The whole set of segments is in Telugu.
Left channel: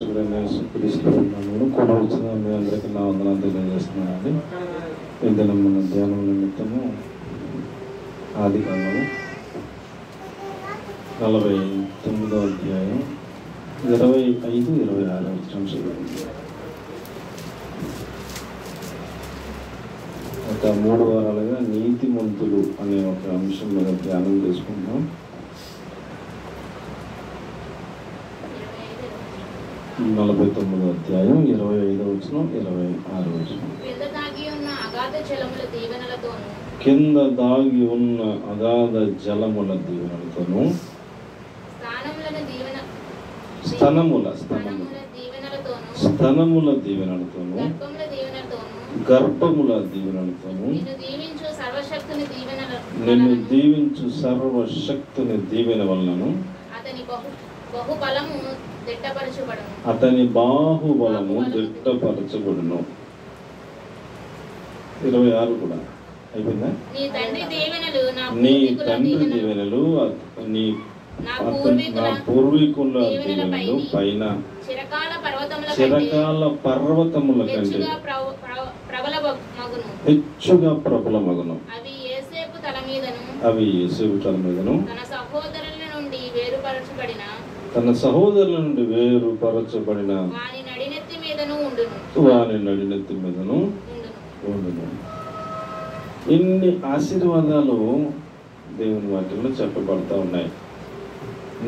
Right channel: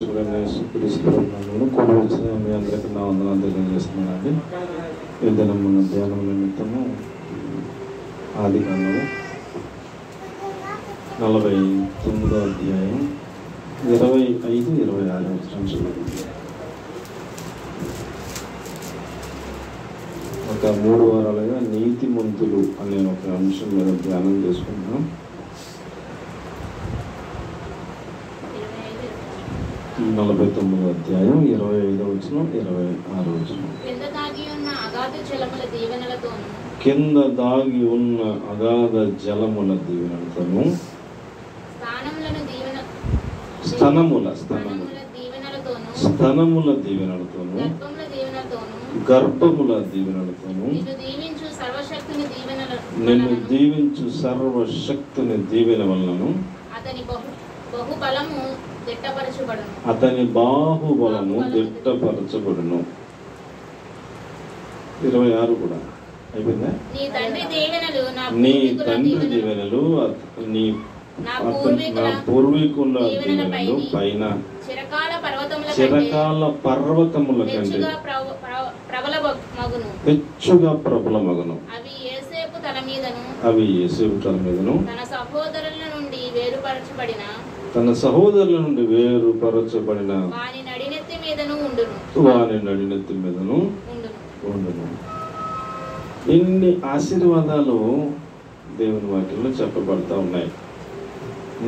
కూడా వచ్చిన మీ అందరికీ నా వందనాలు తెలియజేస్తున్నానండి. ఈ దినం మన ధ్యానం నిమిత్తము ఆదికాండము 49వ అధ్యాయం 25-26 వచనాలు. ఒక 3 వారాలుగా నీతిమంతులు అనే ఒక అంశం మీద ధ్యానం చేసుకుంటున్నాం. 49వ అధ్యాయం 25వ వచనం 26వ వచనం. కింద దాగి ఉన్న అగాధ జలముల దీవెనలతోను స్తనముల దీవెనలతోను గర్భముల దీవెనలతోను నిన్ను దీవించు సర్వశక్తిని దీవెన వలనను అతని బాహుబలము దిట్టపరచబడును. 26 కూడా అయిపోయిందా? నీ తండ్రి దీవెనలు నా పూర్వీకుల దీవెనలు పైన చిరకాల పర్వతముల కంటే హెచ్చుగా ప్రబలమగును. అవి యోసేపు తల మీదను తన సహోదరుల నుండి వేరుపరచబడిన వాని నడినెత్తి మీదను ఉండును. ఇన్ని ఆశీర్వాదాలు దేవుని వాక్యంలో చెప్పబడతా ఉన్నాయి.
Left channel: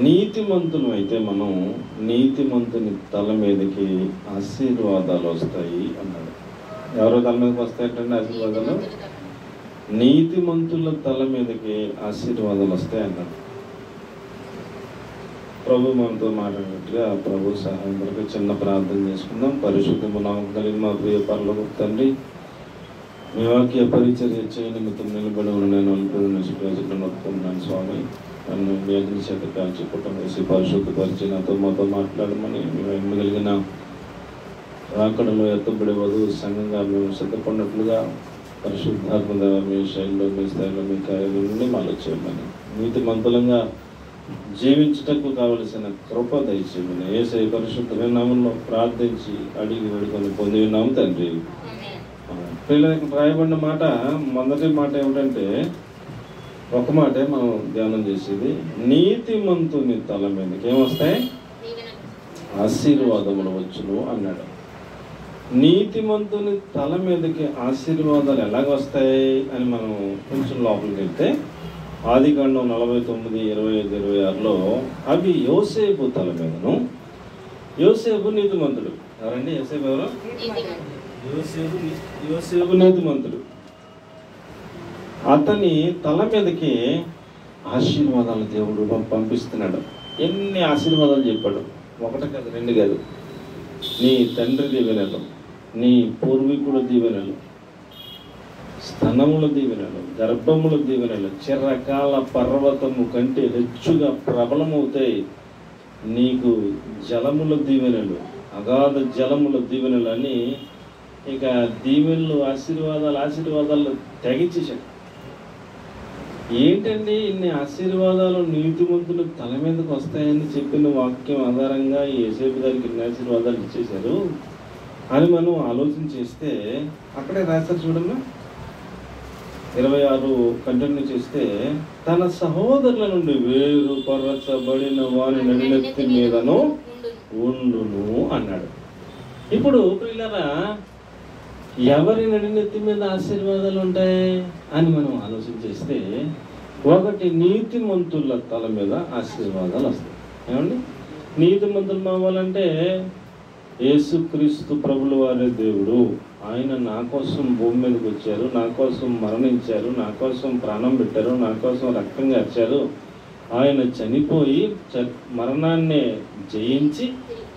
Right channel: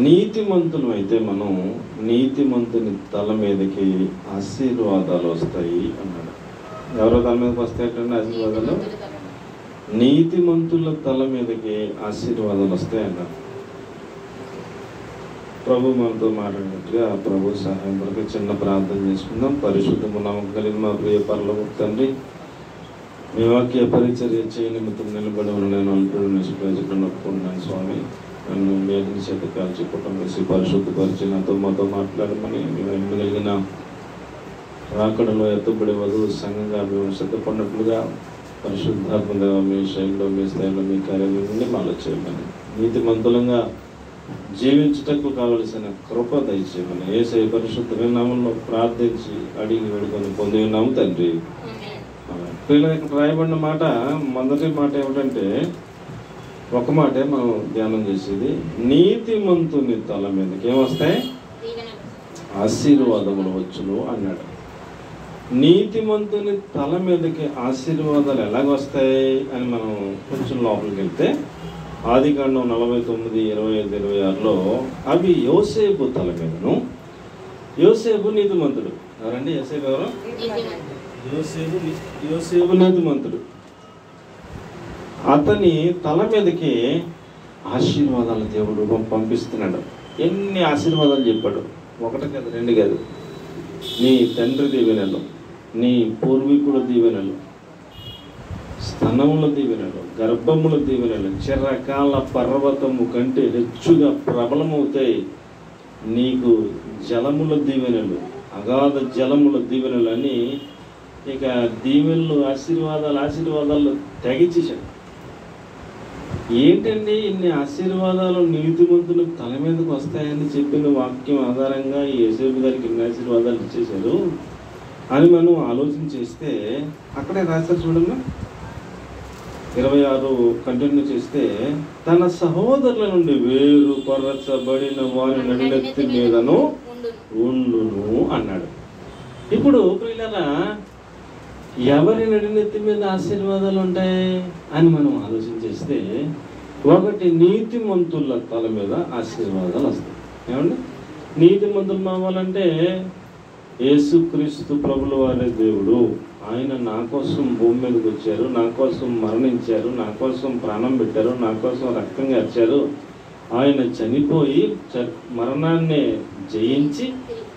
నీతిమంతులు అయితే మనం నీతిమంతుని తల మీదకి ఆశీర్వాదాలు వస్తాయి అన్నాడు. ఎవరో తల మీదకి వస్తాయంటే ఆశీర్వాదాలు? నీతిమంతుల తల మీదకి ఆశీర్వాదాలు వస్తాయి అన్నాడు. ప్రభు మనతో మాట్లాడినట్టుగా ప్రభు సహాయం కొరకు చిన్న ప్రార్థన చేసుకుందాం. పరిశుద్ధము నమ్మకం కలిగి మా ప్రియ పరలోకపు తండ్రి, మీ వాక్య పరిచర్య చేయ నిమిత్తం నిలబడి ఉన్న నేను నొప్పుకున్నాను స్వామి. నన్ను వేదన చేత కాల్చి కుటుంబం వేసి పరిశుద్ధపరిచి నాతో మాతో మాట్లాడమని మేము ఎమ్మగలిగిన రాకడలో ఎత్తబడి వధువు సంఘంగా మేము సిద్ధపడినట్లుగా పరిశుద్ధాత్మ దేవ మీ శైలిలో మీ స్థాయిలో మీ కార్యాలన్నీ మాలో చేయమని, నీతిమంతులంగా జీవించుటకు కావలసిన కృప దయచేయమని యేసయ్య పరిశుద్ధ నామములో ప్రార్థించి అడిగి వేడుకొని పొంది ఉన్నాము తండ్రి. పిల్లలకి రాయబడిన మాట, మొదటి మాట ఏమిటంటే, ఒక మాటే మనం ధ్యానం చేసేది, నీతిమంతుని తల మీదకి ఏమొస్తాయి? ఆశీర్వాదములు వచ్చును అన్నాడు. నీతిమంతుని తల మీదకి ఆశీర్వాదాలు ఎలాగొస్తాయి అని మనం కొంచెం లోపలికి వెళ్తే, ఆదికాండం 49:25-26లో అవి యోసేపు తల మీదను. యోసేపు నీతిమంతుడు. ఎవరండి యోసేపు? ఎవరు? యోసేపు నీతిమంతుడు. అతని తల మీదకి ఆశీర్వాదాలు దేవుడు పంపిస్తున్నాడు. ఎన్ని ఆశీర్వాదాలు చెప్పాడు? 1 కాదు, 2 కాదు. నీ తండ్రి దీవెనలు, నీ పూర్వీకుల దీవెనలు, స్తనముల దీవెనలు, గర్భముల దీవెనలు చిరకాల పర్వతము కంటే హెచ్చుగా ప్రబలమవుతాయి. నీకు జలముల దీవెనలు, అగాధ జలముల దీవెనలు అని ఇక దీవెనలు ఆశీర్వాదాలు తెగించేశాడు. ఏంటండి ఇన్ని ఆశీర్వాదాలు నీతిమంతులు తల మీదకి వస్తాయని చెప్పిన వాక్యం ఆధారంగా యేసేపు గారికి ఇన్ని ఆశీర్వాదాలు ఇచ్చేశారు అని మనం ఆలోచన చేస్తే అక్కడే రాశారు చూడమ్మా. 26 కంటిన్యూ చేస్తే, తన సహోదరుల నుండి వేరుపరచబడిన వాని నడినెత్తి మీదను ఉండును అన్నాడు. ఇప్పుడు ప్రియులారా, ఎవరి నడినెత్తి మీద ఆశీర్వాదాలు ఉంటాయి అని మనం ఆలోచన చేస్తే, ఒకటి నీతిమంతుల తల మీద ఆశీర్వాదాలు వస్తాయి. ఏమండి? నీతిమంతులు అవ్వాలంటే యేసుక్రీస్తు ప్రభుల వారి దేవుడు, ఆయన నా కోసం భూమి మీదకి వచ్చారు, నా కోసం మరణించారు, నా కోసం ప్రాణం పెట్టారు, నా కోసం రక్తం కార్చారు. ఆయన చనిపోయి మరణాన్ని జయించి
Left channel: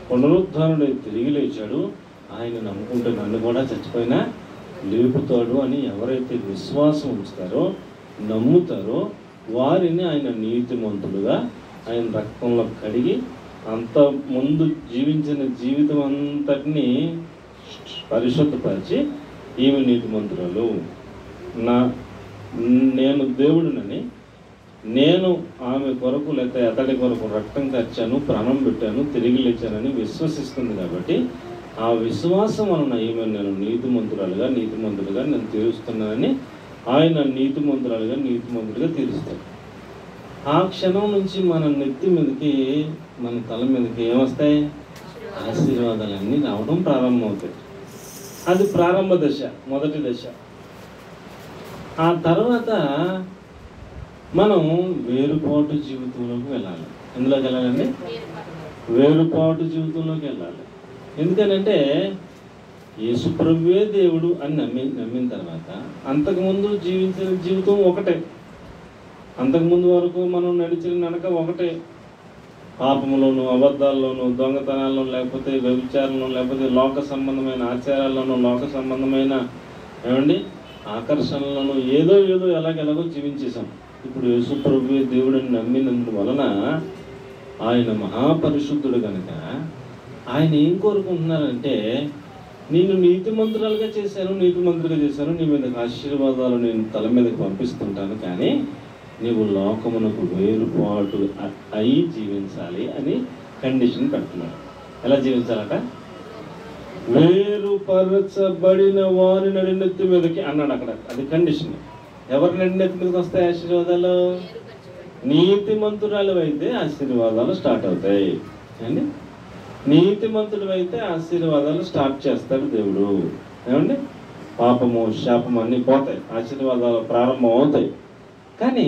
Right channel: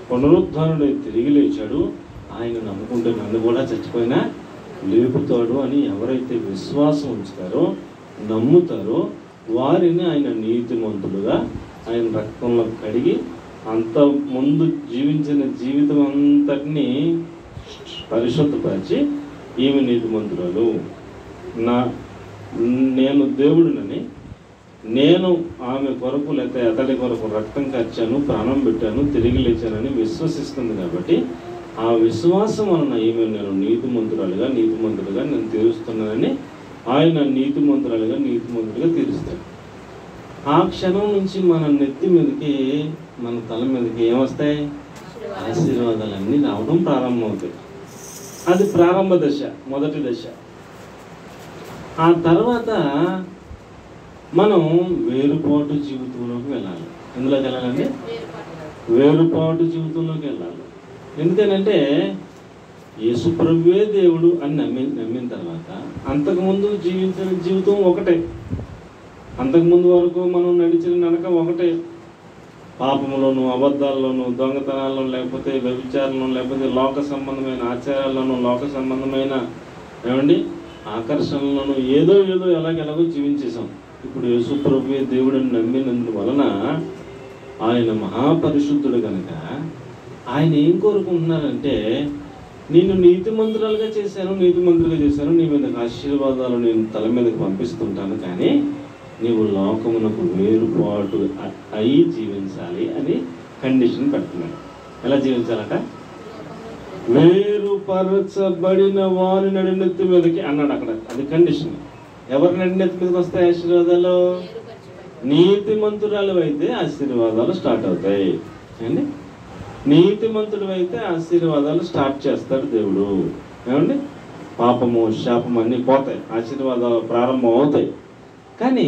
పునరుద్ధానుడై తిరిగి లేచాడు. ఆయన నమ్ముకుంటే నన్ను కూడా చచ్చిపోయినా లేపుతాడు అని ఎవరైతే విశ్వాసం ఉంచుతారో, నమ్ముతారో, వారిని ఆయన నీతిమంతులుగా ఆయన రక్తంలో కడిగి అంత ముందు జీవించిన జీవితం అంతటినీ పరిశుద్ధపరిచి, ఈమె నీతిమంతురాలు, నేను దేవుడునని నేను ఆమె కొరకు లేకపోతే అతడి కొరకు రక్తం ఖర్చాను, ప్రాణం పెట్టాను, తిరిగి లేచానని విశ్వసిస్తుంది. కాబట్టి ఆ విశ్వాసం వలన ఈమె నేను నీతిమంతుడుగా నేను తీరుస్తున్నానని ఆయన నీతిమంతుడిగా తీరుస్తాడు. ఆ క్షణం నుంచి మన నెత్తి మీదకి, మన తల మీదకి ఏమొస్తాయి? ఆశీర్వాదాలన్నీ రావడం ప్రారంభమవుతాయి. అది ప్రారంభ దశ, మొదటి దశ. ఆ తర్వాత మనం వేరుపాటు జీవితంలోకి వెళ్ళాలి. ఎందులోకి వెళ్ళాలంటే వేరుపాటు జీవితంలోకి వెళ్ళాలి. ఎందుకనంటే యేసుప్రభువే దేవుడు అని నమ్మిన తర్వాత అంతకుముందు జీవించిన జీవితం ఒకటే, అంతకుముందు వరకు మనం నడిచిన నడక ఒకటే. పాపంలోను, అబద్ధాల్లోనూ, దొంగతనాల్లోనూ, లేకపోతే వ్యభిచారంలో, లేకపోతే లోక సంబంధమైన ఆచారాల్లోనూ, లోక సంబంధమైన ఆకర్షణలను ఏదో ఎలాగెలాగో జీవించేసాం. ఇప్పుడు యేసుప్రభువే దేవుడిని నమ్మినందువలన ఆయన మహాపరిశుద్ధుడు కనుక ఆయన ఏం కోరుకుంటున్నారంటే, నిన్ను నీతిమంతులుగా చేశాను, నీ మీద ఆశీర్వాదాలు నేను తల మీదకి పంపిస్తుంటాను, కానీ నీవు లోకమునకు వేరుపాటు అయి జీవించాలి అని కండిషన్ పెడుతున్నాడు. ఎలా జీవించాలట? వేరుపరచబడిన వారి నడినెత్తి మీదకి అన్నాడు అక్కడ. అది కండిషన్. ఎవరి నడినెత్తి మీదకి వస్తాయి ఆశీర్వాదాలు? నీతిమంతురాలు అయితే ఆశీర్వాదాలు స్టార్ట్ అవుతాయి అండి. నీతిమంతుడు అయితే ఆశీర్వాదాలు స్టార్ట్ చేస్తాడు దేవుడు. ఏమండి? పాపము, శాపము అన్నీ పోతాయి, ఆశీర్వాదాలు ప్రారంభం అవుతాయి. కానీ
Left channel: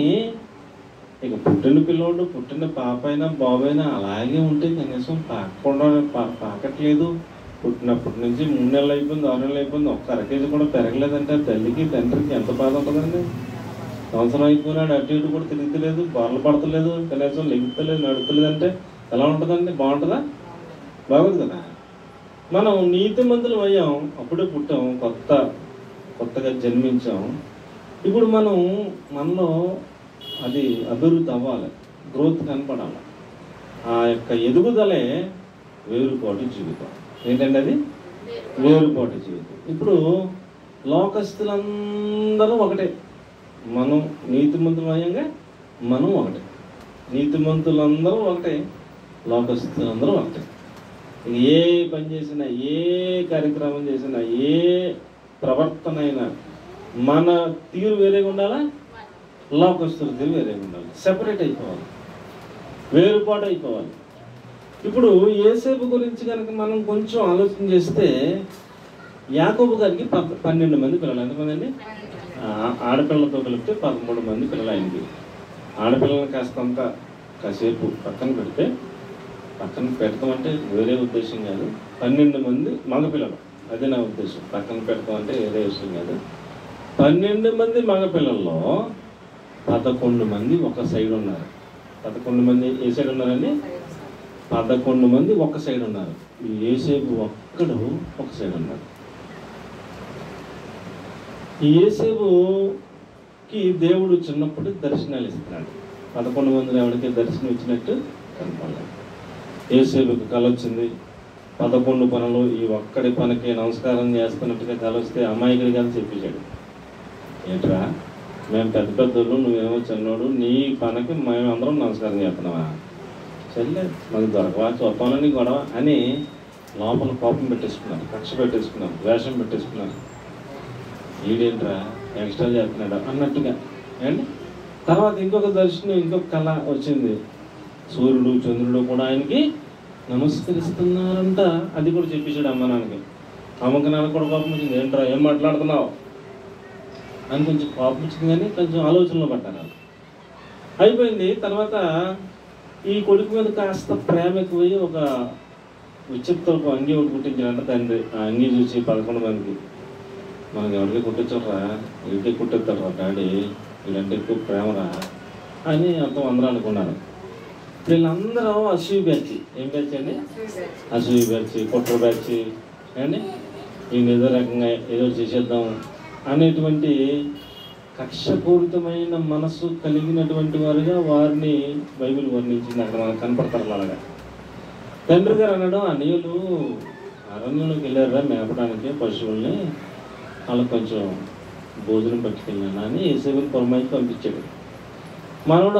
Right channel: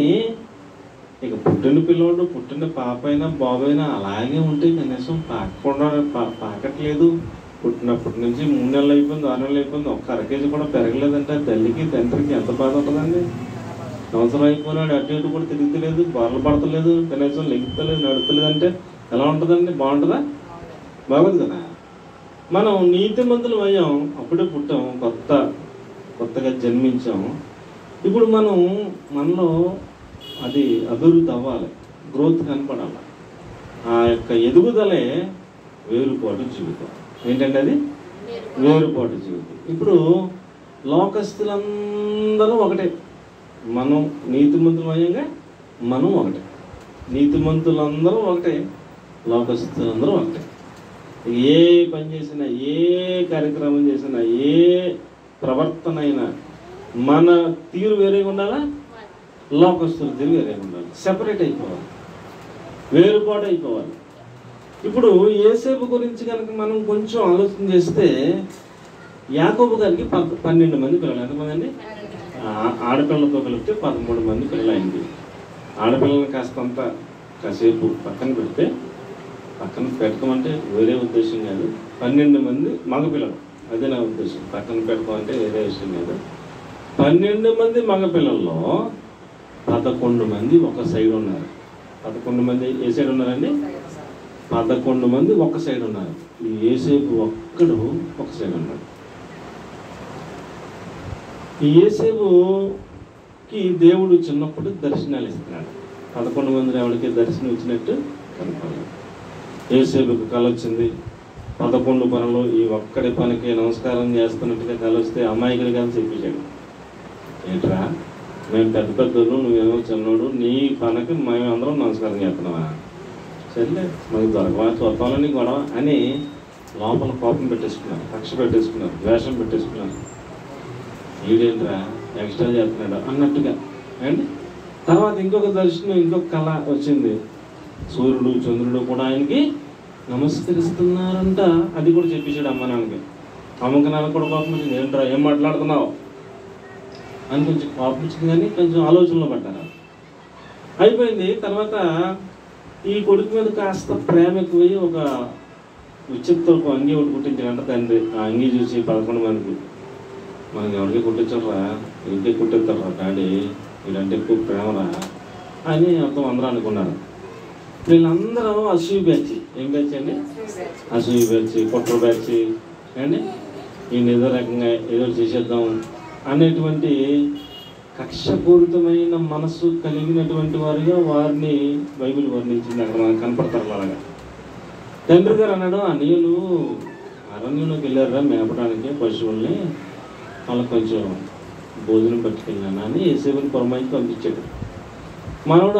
ఇక పుట్టిన పిల్లోడు, పుట్టిన పాప అయినా బాబైనా అలాగే ఉంటే కనీసం పాకట్లేదు. పుట్టినప్పటి నుంచి 3 నెలలు అయిపోయింది, 6 నెలలు అయిపోయింది, ఒక్క అరకేజీ కూడా పెరగలేదంటే తల్లికి తండ్రికి ఎంత బాధ ఉంటుందండి? సంవత్సరం అయిపోయినాడు, అటు ఇటు కూడా తిరుగుతలేదు, బాధలు పడతలేదు, కనీసం లెగుతలేదు, నడుతలేదు అంటే ఎలా ఉంటుందండి? బాగుంటుందా? బాగుంది కదా. మనం నీతిమంతులు అయ్యాం, అప్పుడే పుట్టాం, కొత్తగా జన్మించాం. ఇప్పుడు మనలో అది అభివృద్ధి అవ్వాలి, గ్రోత్ కనపడాలి. ఆ యొక్క ఎదుగుదలే వేరుపాటు జీవితం. ఏంటంటే అది వేరుపాటు జీవితం. ఇప్పుడు లోకస్తులందరూ ఒకటే, మనం నీతిమంతులు అయ్యంగా మనం ఒకటే, నీతిమంతులందరూ ఒకటే, లోకస్తులందరూ ఒకటే. ఏ పని చేసినా, ఏ కార్యక్రమం చేసినా, ఏ ప్రవర్తన అయినా మన తీరు వేరేగా ఉండాలా, లోకస్తుల తీరు వేరేగా ఉండాలి. సెపరేట్ అయిపోవాలి, వేరుపాటు అయిపోవాలి. ఇప్పుడు యేసేపు గురించి కనుక మనం కొంచెం ఆలోచన చేస్తే, యాకోబు గారికి 12 మంది పిల్లలు. ఎంతమంది అండి? ఆడపిల్లలతో కలిపితే 13 మంది పిల్లలు ఆయనకి. ఆడపిల్లలను కాసేపు పక్కన పెడితే, పక్కన పెడతాం అంటే వేరే ఉద్దేశం కాదు, 12 మంది మగపిల్లలు, అదే నా ఉద్దేశం. పక్కన పెడతాం అంటే వేరే విషయం కాదు. 12 మంది మగపిల్లల్లో 11 మంది ఒక సైడ్ ఉన్నారు. 11 మంది ఏ సైడ్ ఉన్నారండి? 11 మంది ఒక సైడ్ ఉన్నారు. ఈ యేసేపు ఒక్కడు ఒక సైడ్ ఉన్నాడు. ఈ యేసేపుకి దేవుడు చిన్నప్పుడు దర్శనాలు ఇస్తున్నాడు. 11 మంది ఎవరికి దర్శనం ఇచ్చినట్టు కనపడలేదు. యేసేపుకి కళ వచ్చింది. 11 పనులు ఈ ఒక్కడి పనికి నమస్కారం చేస్తున్నట్టుగా కళ వస్తే అమాయకుడి కదా చెప్పించాడు. ఏంట్రా, మేము పెద్ద పెద్దోళ్ళు, నువ్వేమో చిన్నోడు, నీ పనికి మేమందరం నమస్కారం చేస్తున్నావా? సర్లే, మనకు దొరకవా, చూద్దామని గొడవ అని లోపల కోపం పెట్టేసుకున్నాను, కక్ష పెట్టేసుకున్నాను, ద్వేషం పెట్టేసుకున్నాను. వీడేంట్రా ఎక్స్ట్రా చేస్తున్నాడు అన్నట్టుగా అండి. తర్వాత ఇంకొక దర్శనం, ఇంకొక కళ వచ్చింది. సూర్యుడు, చంద్రుడు కూడా ఆయనకి నమస్కరిస్తున్నారంట. అది కూడా చెప్పేశాడు అమ్మ నాన్నకి. అమ్మకి నాన్న కూడా కోపం వచ్చింది. ఏంట్రా, ఏం మాట్లాడుతున్నావు అని కొంచెం కోపం వచ్చింది, కానీ కొంచెం ఆలోచనలో పడ్డారు. అయిపోయింది. తర్వాత ఈ కొడుకు మీద కాస్త ప్రేమ ఎక్కువయ్యి ఒక ఉచిత అంగీ ఒకటి కుట్టించాడంట తండ్రి. ఆ అంగీ చూసి 11 మందికి, మనకి ఎవరికి కుట్టించరా, ఇంటికి కుట్టిస్తారా డాడీ, వీళ్ళంటే ఎక్కువ ప్రేమరా అని అందరూ అనుకున్నారు. వీళ్ళందరూ అసూయ బ్యాచ్. ఏం బ్యాచ్ అండి? అసూయ బ్యాచ్, కుట్ర బ్యాచ్ కానీ వీళ్ళు ఏదో రకంగా ఏదో చేసేద్దాం అనేటువంటి కక్షపూరితమైన మనసు కలిగినటువంటి వారుగా వారిని బైబిల్ వర్ణించింది. అక్కడ మనకు కనపడతారు. అలాగా తండ్రి గారు అన్నాడు, అన్యులు అరణ్యంలోకి వెళ్ళారా మేపడానికి పశువుల్ని, వాళ్ళకి కొంచెం భోజనం పట్టుకెళ్ళినా అని యేసేపుని పురమాయించి పంపించాడు. మనోడు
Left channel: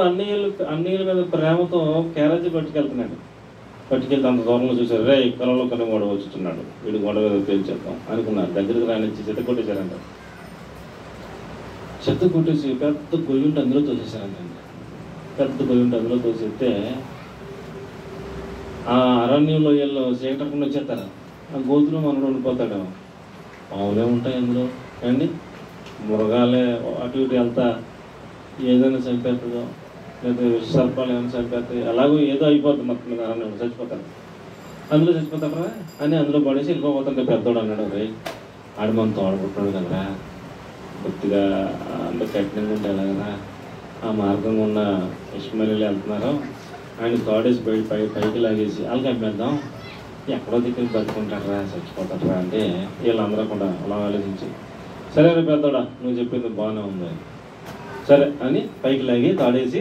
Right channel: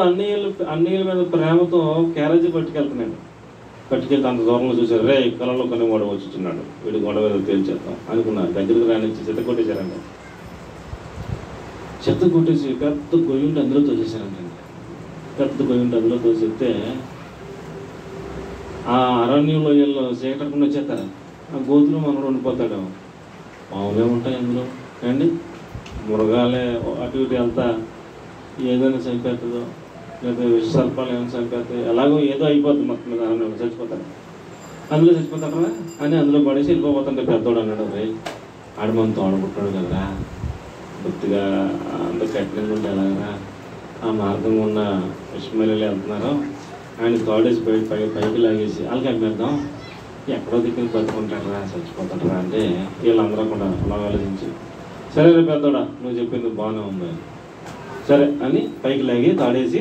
అన్నయ్యల మీద ప్రేమతో క్యారేజీ పట్టుకెళ్తున్నాడు. పట్టుకెళ్తే అంత దూరంలో చూశారు, రే కలంలో కొన్ని గొడవ వచ్చుతున్నాడు, వీడు గొడవ తేల్చేద్దాం అనుకున్నారు. దగ్గరికి రానిచ్చి చెత్త కొట్టేశారంట. చెత్త కొట్టేసి పెద్ద గొయ్యుంటి అందులో తోసేశారంట. పెద్ద గొయ్యుంటి అందులో తోసేస్తే ఆ అరణ్యంలో ఎల్లో చీకటకుండా వచ్చేస్తారు. ఆ గోతులో మనోడు ఉండిపోతాడు. పావులే ఉంటాయి అందులో అండి, మృగాలే అటు ఇటు వెళ్తా ఏదైనా చంపేస్తుందో, లేదా విష సర్పాలు ఏమైనా చంపేస్తాయి, ఎలాగో ఏదో అయిపోద్ది మొత్తం మీద అన్నాడు. చచ్చిపోతాడు, అందులో చచ్చిపోతారా అని అందులో పడేసి వెళ్ళిపోతుంటే పెద్దోడు అన్నాడు, రే ఆడు మనం తోడబుట్టాడు కదరా, కొద్దిగా అంత కఠినంగా ఉంటే ఎలాగరా, ఆ మార్గంగా ఉన్న ఇష్మాయిలీలు వెళ్తున్నారో ఆయన తోడేసి పైకి లాగేసి వాళ్ళకి అమ్మేద్దాం, ఎక్కడో దిక్కుని బతుకుంటాడరా చచ్చిపోతాడరా అంటే వీళ్ళందరూ కూడా అలా ఆలోచించి, సరే రే పెద్దోడా నువ్వు చెప్పింది బాగానే ఉంది సరే అని పైకి లాగి తాడేసి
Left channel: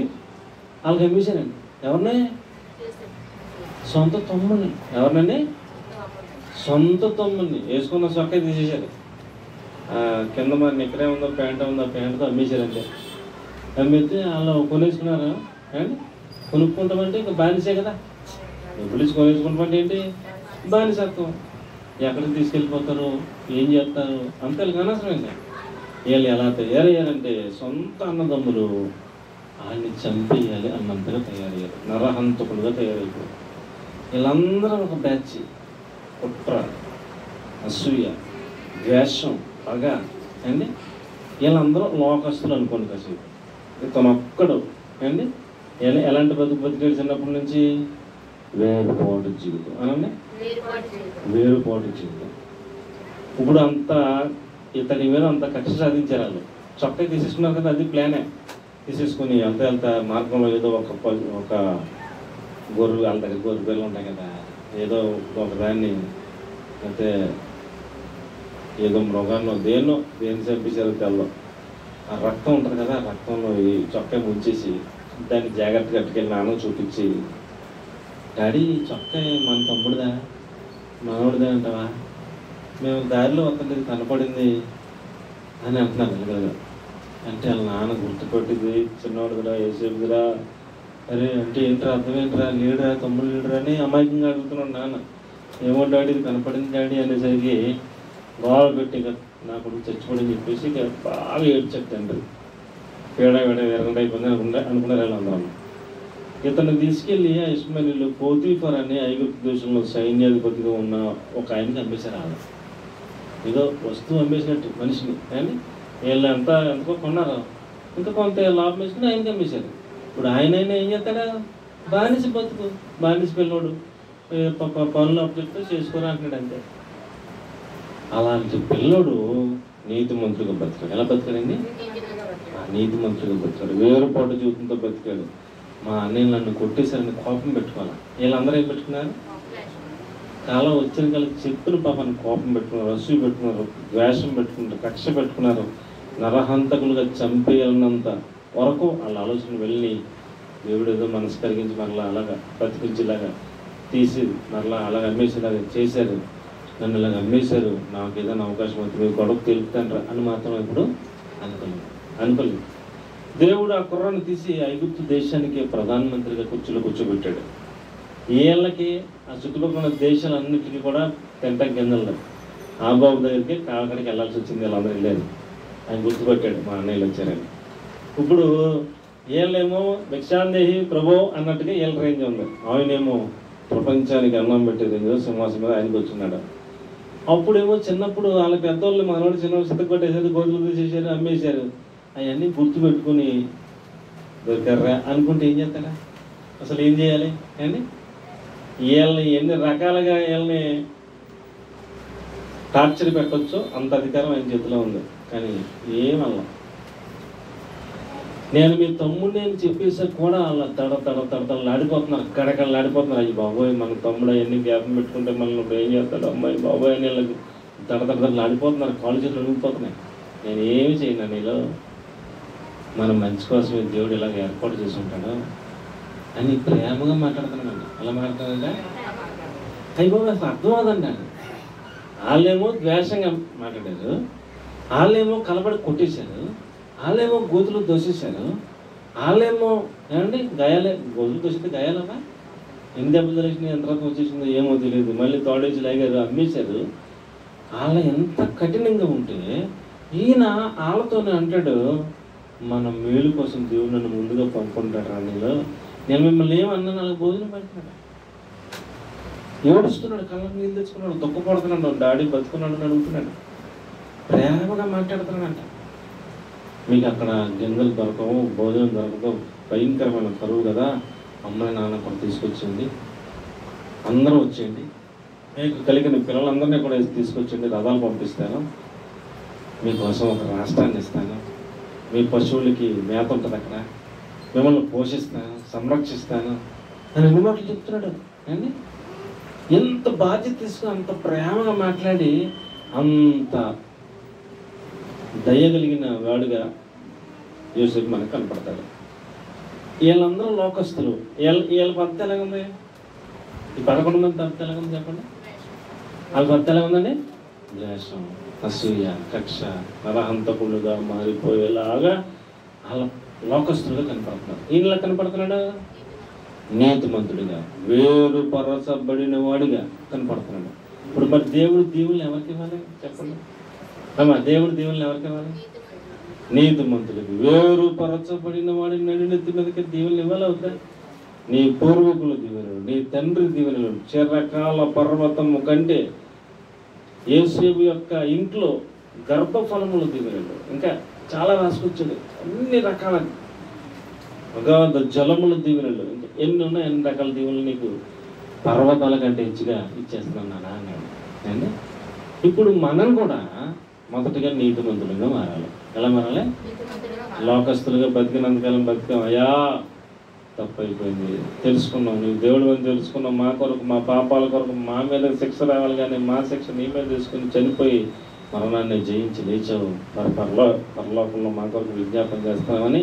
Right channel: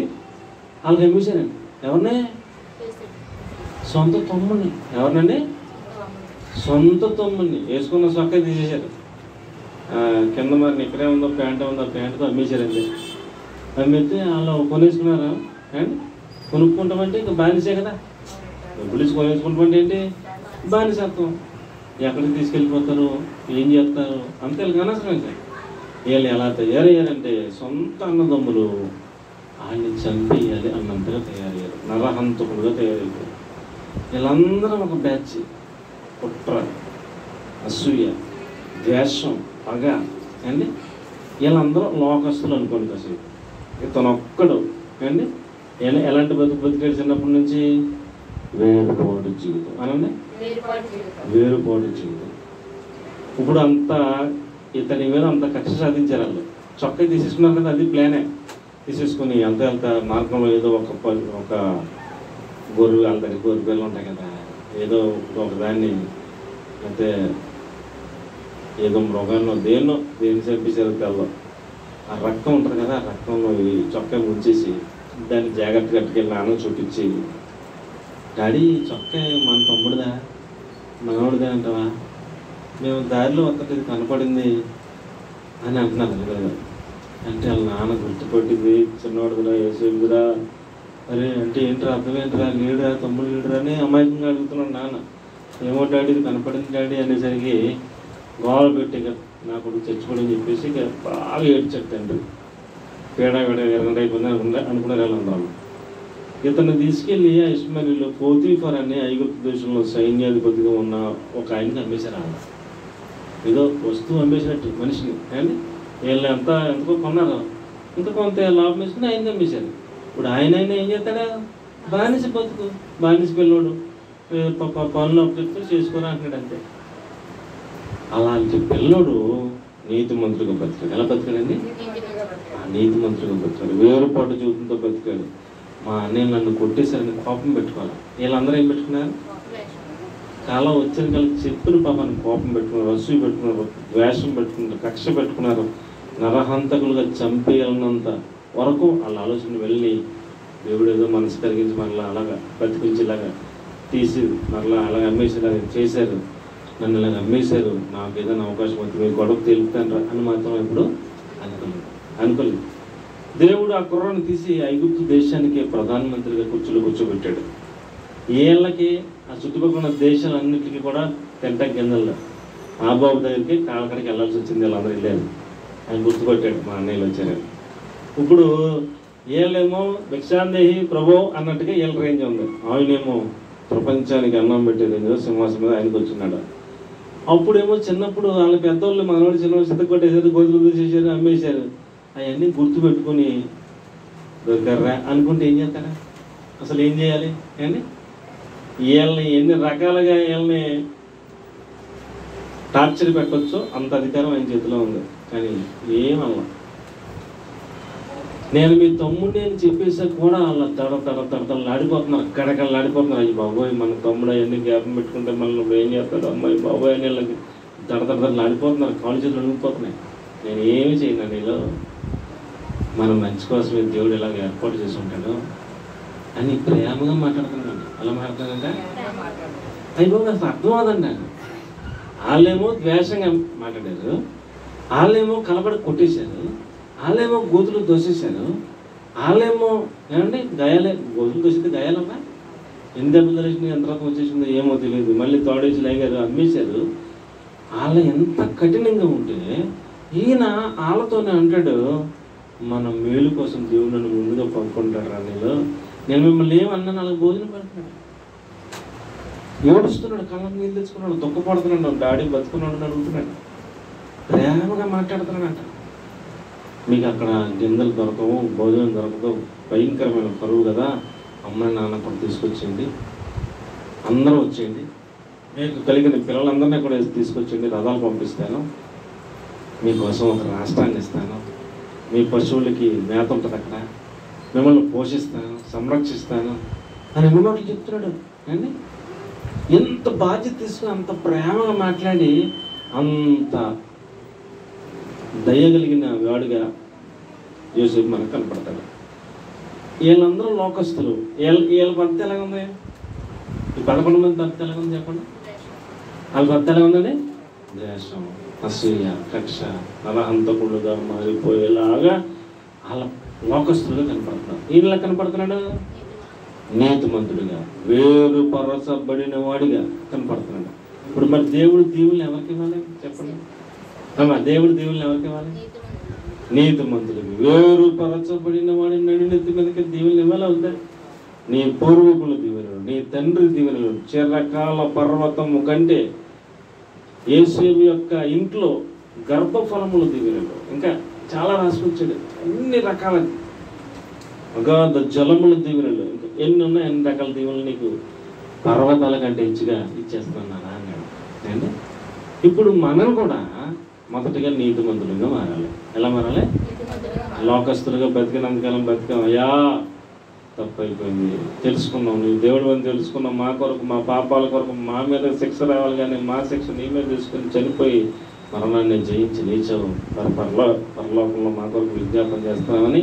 వాళ్ళకి అమ్మేశారండి. ఎవరిని? సొంత తమ్ముడిని. ఎవరినండి? సొంత తమ్ముడిని. వేసుకున్న సొక్క తీసేశారు. కింద మరి ఇక్కడే ఉందో ప్యాంట్ ఉందో ప్యాంటుతో అమ్మేశారండి. అమ్మేస్తే వాళ్ళు కొనేసుకున్నారు. అండి కొనుక్కుంటామంటే ఇంకా బానిసే కదా, డబ్బులు కొనేసుకుంటామంటే ఏంటి బానిసత్వం. ఎక్కడికి తీసుకెళ్ళిపోతారు, ఏం చేస్తారు అంతే అనవసరం. ఇంకా వీళ్ళు ఎలా తయారయ్యారంటే సొంత అన్నదమ్ములు ఆయన్ని చంపేయాలి అన్నంతగా తయారయ్యారు, నరహంతకుడుగా తయారయ్యారు. వీళ్ళందరూ ఒక బ్యాచ్. కుట్ర, అసూయ, ద్వేషం, పగ అండి. వీళ్ళందరూ లోకస్తులు అనుకోండి కాసేపు. తనొక్కడు అండి ఎలాంటి బతికాడు చిన్నప్పటి నుంచి? వేరుపాటు జీవితం అనండి, వేరుపాటు జీవితం. ఇప్పుడు అంతా ఇతని మీద అంత కక్ష సాధించారు వాళ్ళు. చొక్కా తీసేసుకున్నారు కదా, అది ప్లానే. తీసేసుకుని వెళ్తే మార్గంలో ఏదో ఒక గొర్రెలు వాళ్ళ దగ్గర గొర్రె పిల్లలు ఉంటాయి కదా, ఏదో ఒక దాన్ని అయితే ఏదో మృగాల్లో దేన్ని చంపేశారు తెల్లో, ఆ రక్తం ఉంటుంది కదా, ఆ రక్తంలో ఈ చొక్కా ముంచేసి దాన్ని జాగ్రత్తగా కట్టుకెళ్ళి నాన్న చూపించి, డాడీ చొక్కా మన తమ్ముడిదా మనోడిదా అంటావా, మేము దారిలో వస్తుంటే కనపడింది అని అంటున్నారు కదా. అంటే వాళ్ళ నాన్న గుర్తుపట్టింది, చిన్నవాడుదిరా ఏసేపుదిరా, అరే అంటే ఏంట్రా అర్థం ఏంట్రా, లేడురా తమ్ముడు లేడురా అని అమాయకంగా అడుగుతున్నాడు నాన్న. ఏమో డాడీ ఇది కనపడింది డాడీ అనేసరికి గోడ పెట్టి నా కొడుకు చచ్చిపోడని చెప్పేసి బాగా ఏడ్చాడు తండ్రి. పేడ ఎరగంట అయిపోయింది అనుకున్నారు వాళ్ళందరూ. ఇతను తీసుకెళ్ళి ఆ ఇష్మాయిలీలు పోతీఫర్ అనే ఐగుప్తు దేశంలో సైన్యాధిపతిగా ఉన్న ఒక ఆయనకి అమ్మేశారు. ఆయన ఏదో వస్తువు అమ్మేసినట్టు మనిషిని, కానీ వీళ్ళు ఎంతకో కొన్నారు, ఇంకా కొంత లాభం వేసుకుని ఆయనకి అమ్మేశారు. ఇప్పుడు ఆయన ఏం చేస్తాడా, బానిస బతుకు, బానిస పిల్లోడు పనులు అప్పచెప్తే చేసుకొని అంటున్నాడు అంతే. అలాంటి పిల్లోడు నీతి మంత్రుగా బతికాడు. ఎలా బతికాడండి? నీతి మంత్రుగా బతికాడు, వేరుపాటు జీవితంతో బతికాడు. మా అన్నయ్య నన్ను కొట్టేశారని కోపం పెట్టుకోవాలి. వీళ్ళందరూ ఏం పెట్టుకున్నారు? కాలం వచ్చిన కలిసి చెప్పిన పాపాన్ని కోపం పెట్టుకున్నారు, అసూయ పెట్టుకున్నారు, ద్వేషం పెట్టుకున్నారు, కక్ష పెట్టుకున్నారు. నరహంతకులుగా చంపేయాలన్నంత వరకు వాళ్ళ ఆలోచన వెళ్ళి దేవుడు ఏదో మనసు కరిగించి మరలా అలాగా బ్రతికించేలాగా తీసి మరలా అలాగ అమ్మేసేలాగా చేశారు. నన్ను ఇలాగ అమ్మేశారు, నాకు ఏదైనా అవకాశం అవుతుంది, మీరు గొడవ తెలుపుతాండ్రా అని మాత్రం ఇప్పుడు అనుకోలేదు. దేవుడు ఆ కుర్రాన్ని తీసి ఐగుప్తు దేశానికి ప్రధానమంత్రిగా కూర్చోబెట్టాడు. వీళ్ళకి ఆ చుట్టుపక్కల దేశాలన్నింటికి కూడా తెంట గింజల్లో ఆ బాబు దగ్గరికి కాళ్ళకడికి వెళ్ళాల్సి వచ్చింది. వీళ్ళందరూ వెళ్ళారు, ఆయన గుర్తుపట్టాడు మా అన్నయ్యలు వచ్చారని. ఇప్పుడు వీళ్ళేమో భిక్షాందేహి ప్రభో అన్నట్టుగా వీళ్ళ రేంజ్ ఉంది. ఆయనేమో ప్రపంచానికి అన్నం పెట్టే రేంజ్ సింహాసం మీద ఆయనకు వచ్చిన్నాడు. అప్పుడేమో చిన్నప్పుడు వాళ్ళ పెద్దవాళ్ళు మనవాడు చిన్నవాళ్ళు చిత్త కొట్టేసారు, గోతులు చేశారు, అమ్మేశారు. అవన్నీ గుర్తుపెట్టుకుని దొరికారా అనుకుంటే ఏం చేస్తారా? అసలు ఏం చేయాలి అని వీళ్ళని ఎన్ని రకాలుగా వీళ్ళని టార్చర్ పెట్టచ్చో అంత అధికారం ఆయన చేతిలో ఉంది. కానీ ఏమల్లా నేను మీ తమ్ముడిని అని చెప్పేసా కూడా అలా తడతడలాడిపోతున్నారు, అక్కడెక్కడలాడిపోతున్నారు. అయ్యి బాబోయ్ మన తమ్ముడు అవన్నీ జ్ఞాపం పెట్టుకుంటే మనల్ని నువ్వు ఏం చేస్తాడు అమ్మాయి బాబోయ్ అని వీళ్ళకి తడతడలాడిపోతున్నారు, కాళ్ళు చేతులు అణిగిపోతున్నాయి. నేను ఏమి చేయను, నీలో మన మంచి కోసమే దేవుడు ఇలాగ ఏర్పాటు చేసి ఉంటాడు అని ప్రేమగా మాట్లాడుతున్నాడు. అలా మాట్లాడాలంటే అయిపోయి అసలు అర్థం అవదండి. వాళ్ళేమో ద్వేషంగా మాట్లాడారు, వాళ్ళేమో కలబడి కొట్టేశారు, వాళ్ళేమో గోతులు దోసేశారు, వాళ్ళేమో ఏమండి గాయాలే, గొంతులు దోసితే గాయాలమ్మా, ఎన్ని దెబ్బలు తెలిసింది, ఎంత రకం వచ్చేసిందో ఏమో తెలియదు, మళ్ళీ తోడేసి లాగారు, అమ్మేశారు. వాళ్ళ ఎంత కఠినంగా ఉంటే ఈయన వాళ్ళతోనే అంటాడు, మన మేలు కోసం దేవుడు నన్ను ముందుగా పంపుకుంటాడు రా, నేను మిమ్మల్ని ఏమన్నా వాళ్ళకి భోజనం పెడుతున్నాడు. ఏడుస్తున్నాడు, కళ్ళకి నీళ్ళు తెచ్చుకున్నాడు, దుఃఖపడుతున్నాడు, డాడీ బతుకున్నాడు అని అడుగుతున్నాడు, ప్రేమగా మాట్లాడుతున్నాడంట. మీకు అక్కడ గింజలు దొరకవు, భోజనం దొరకదు, భయంకరమైన కరువు కదా, అమ్మాయి నాన్న కూడా తీసుకొచ్చింది, అందరూ వచ్చేయండి, మీకు కలిగిన పిల్లలందరినీ కూడా తీసుకొచ్చింది, రథాలు పంపిస్తాను, మీకోసం ఒక రాష్ట్రాన్ని ఇస్తాను, మీ పశువులకి మేత ఉంటుంది అక్కడ, మిమ్మల్ని పోషిస్తాను, సంరక్షిస్తాను అని ఎన్ని మాటలు చెప్తున్నాడు అండి. ఎంత బాధ్యత తీసుకుని అంత ప్రేమగా మాట్లాడి అంత దయగలిగిన వాడుగా యోసేపు మనకు కనపడతాడు. వీళ్ళందరూ లోకస్తులు. వీళ్ళ భర్త ఎలాగుంది? ఈ 11 మంది భర్త ఎలాగుంది చెప్పండి. వాళ్ళ భర్త ఎలా ఉందండి? ద్వేషం, అసూయ, కక్ష, నరహంతకులుగా మారిపోయేలాగా వాళ్ళ లోకస్తులుగా కనపడుతున్నారు. ఈయనలా కనపడుతున్నాడు నీతిమంతుడిగా, వేరుపరచబడిన వాడిగా కనపడుతున్నాడు. ఇప్పుడు మరి దేవుడు దీవుల్ని ఎవరికి ఇవ్వాలి చెప్పండి అమ్మా? దేవుడు దీవుల్ని ఎవరికి ఇవ్వాలి? నీతిమంతుడికి, వేరుపరచబడిన వాడి నడినెత్తి మీదకి దీవుల్ని ఇవ్వాలి అవుతా? నీ పూర్వీకుల దీవెనలు, నీ తండ్రి దీవెనలు, చిరకాల పర్వతము కంటే యేసేపు యొక్క ఇంట్లో గర్భఫలముల దీవెనలు, ఇంకా చాలా రాసుకొచ్చాడు, అన్ని రకాల అగాధ జలముల దీవెనలు, ఇంకా ఎన్ని ఉన్నాయి, అన్ని రకాల దీవెనలు నీకు పర్వతాల కంటే హెచ్చుగా ఇచ్చేస్తున్నాను అన్నాడు. నేను ఇప్పుడు మనం కూడా మొదటిగా నీతిమంతులుగా మారాలి. ఎలా మారాలి? లోకస్తులుగా బతికినంతకాలం బతికాం, అయ్యా తప్పు అయిపోయింది, తెలుసుకున్నాం, నువ్వు దేవుడు అని తెలుసుకున్నాం, మా కొరకు, మా పాపాల కొరకు మా మీద శిక్ష రావాలి, కానీ మా శిక్ష నీ మీద తీసుకుని చనిపోయి మరణాన్ని జయించి లేచావు, పరలోకంలో మా కొరకు విజ్ఞాపన చేస్తామని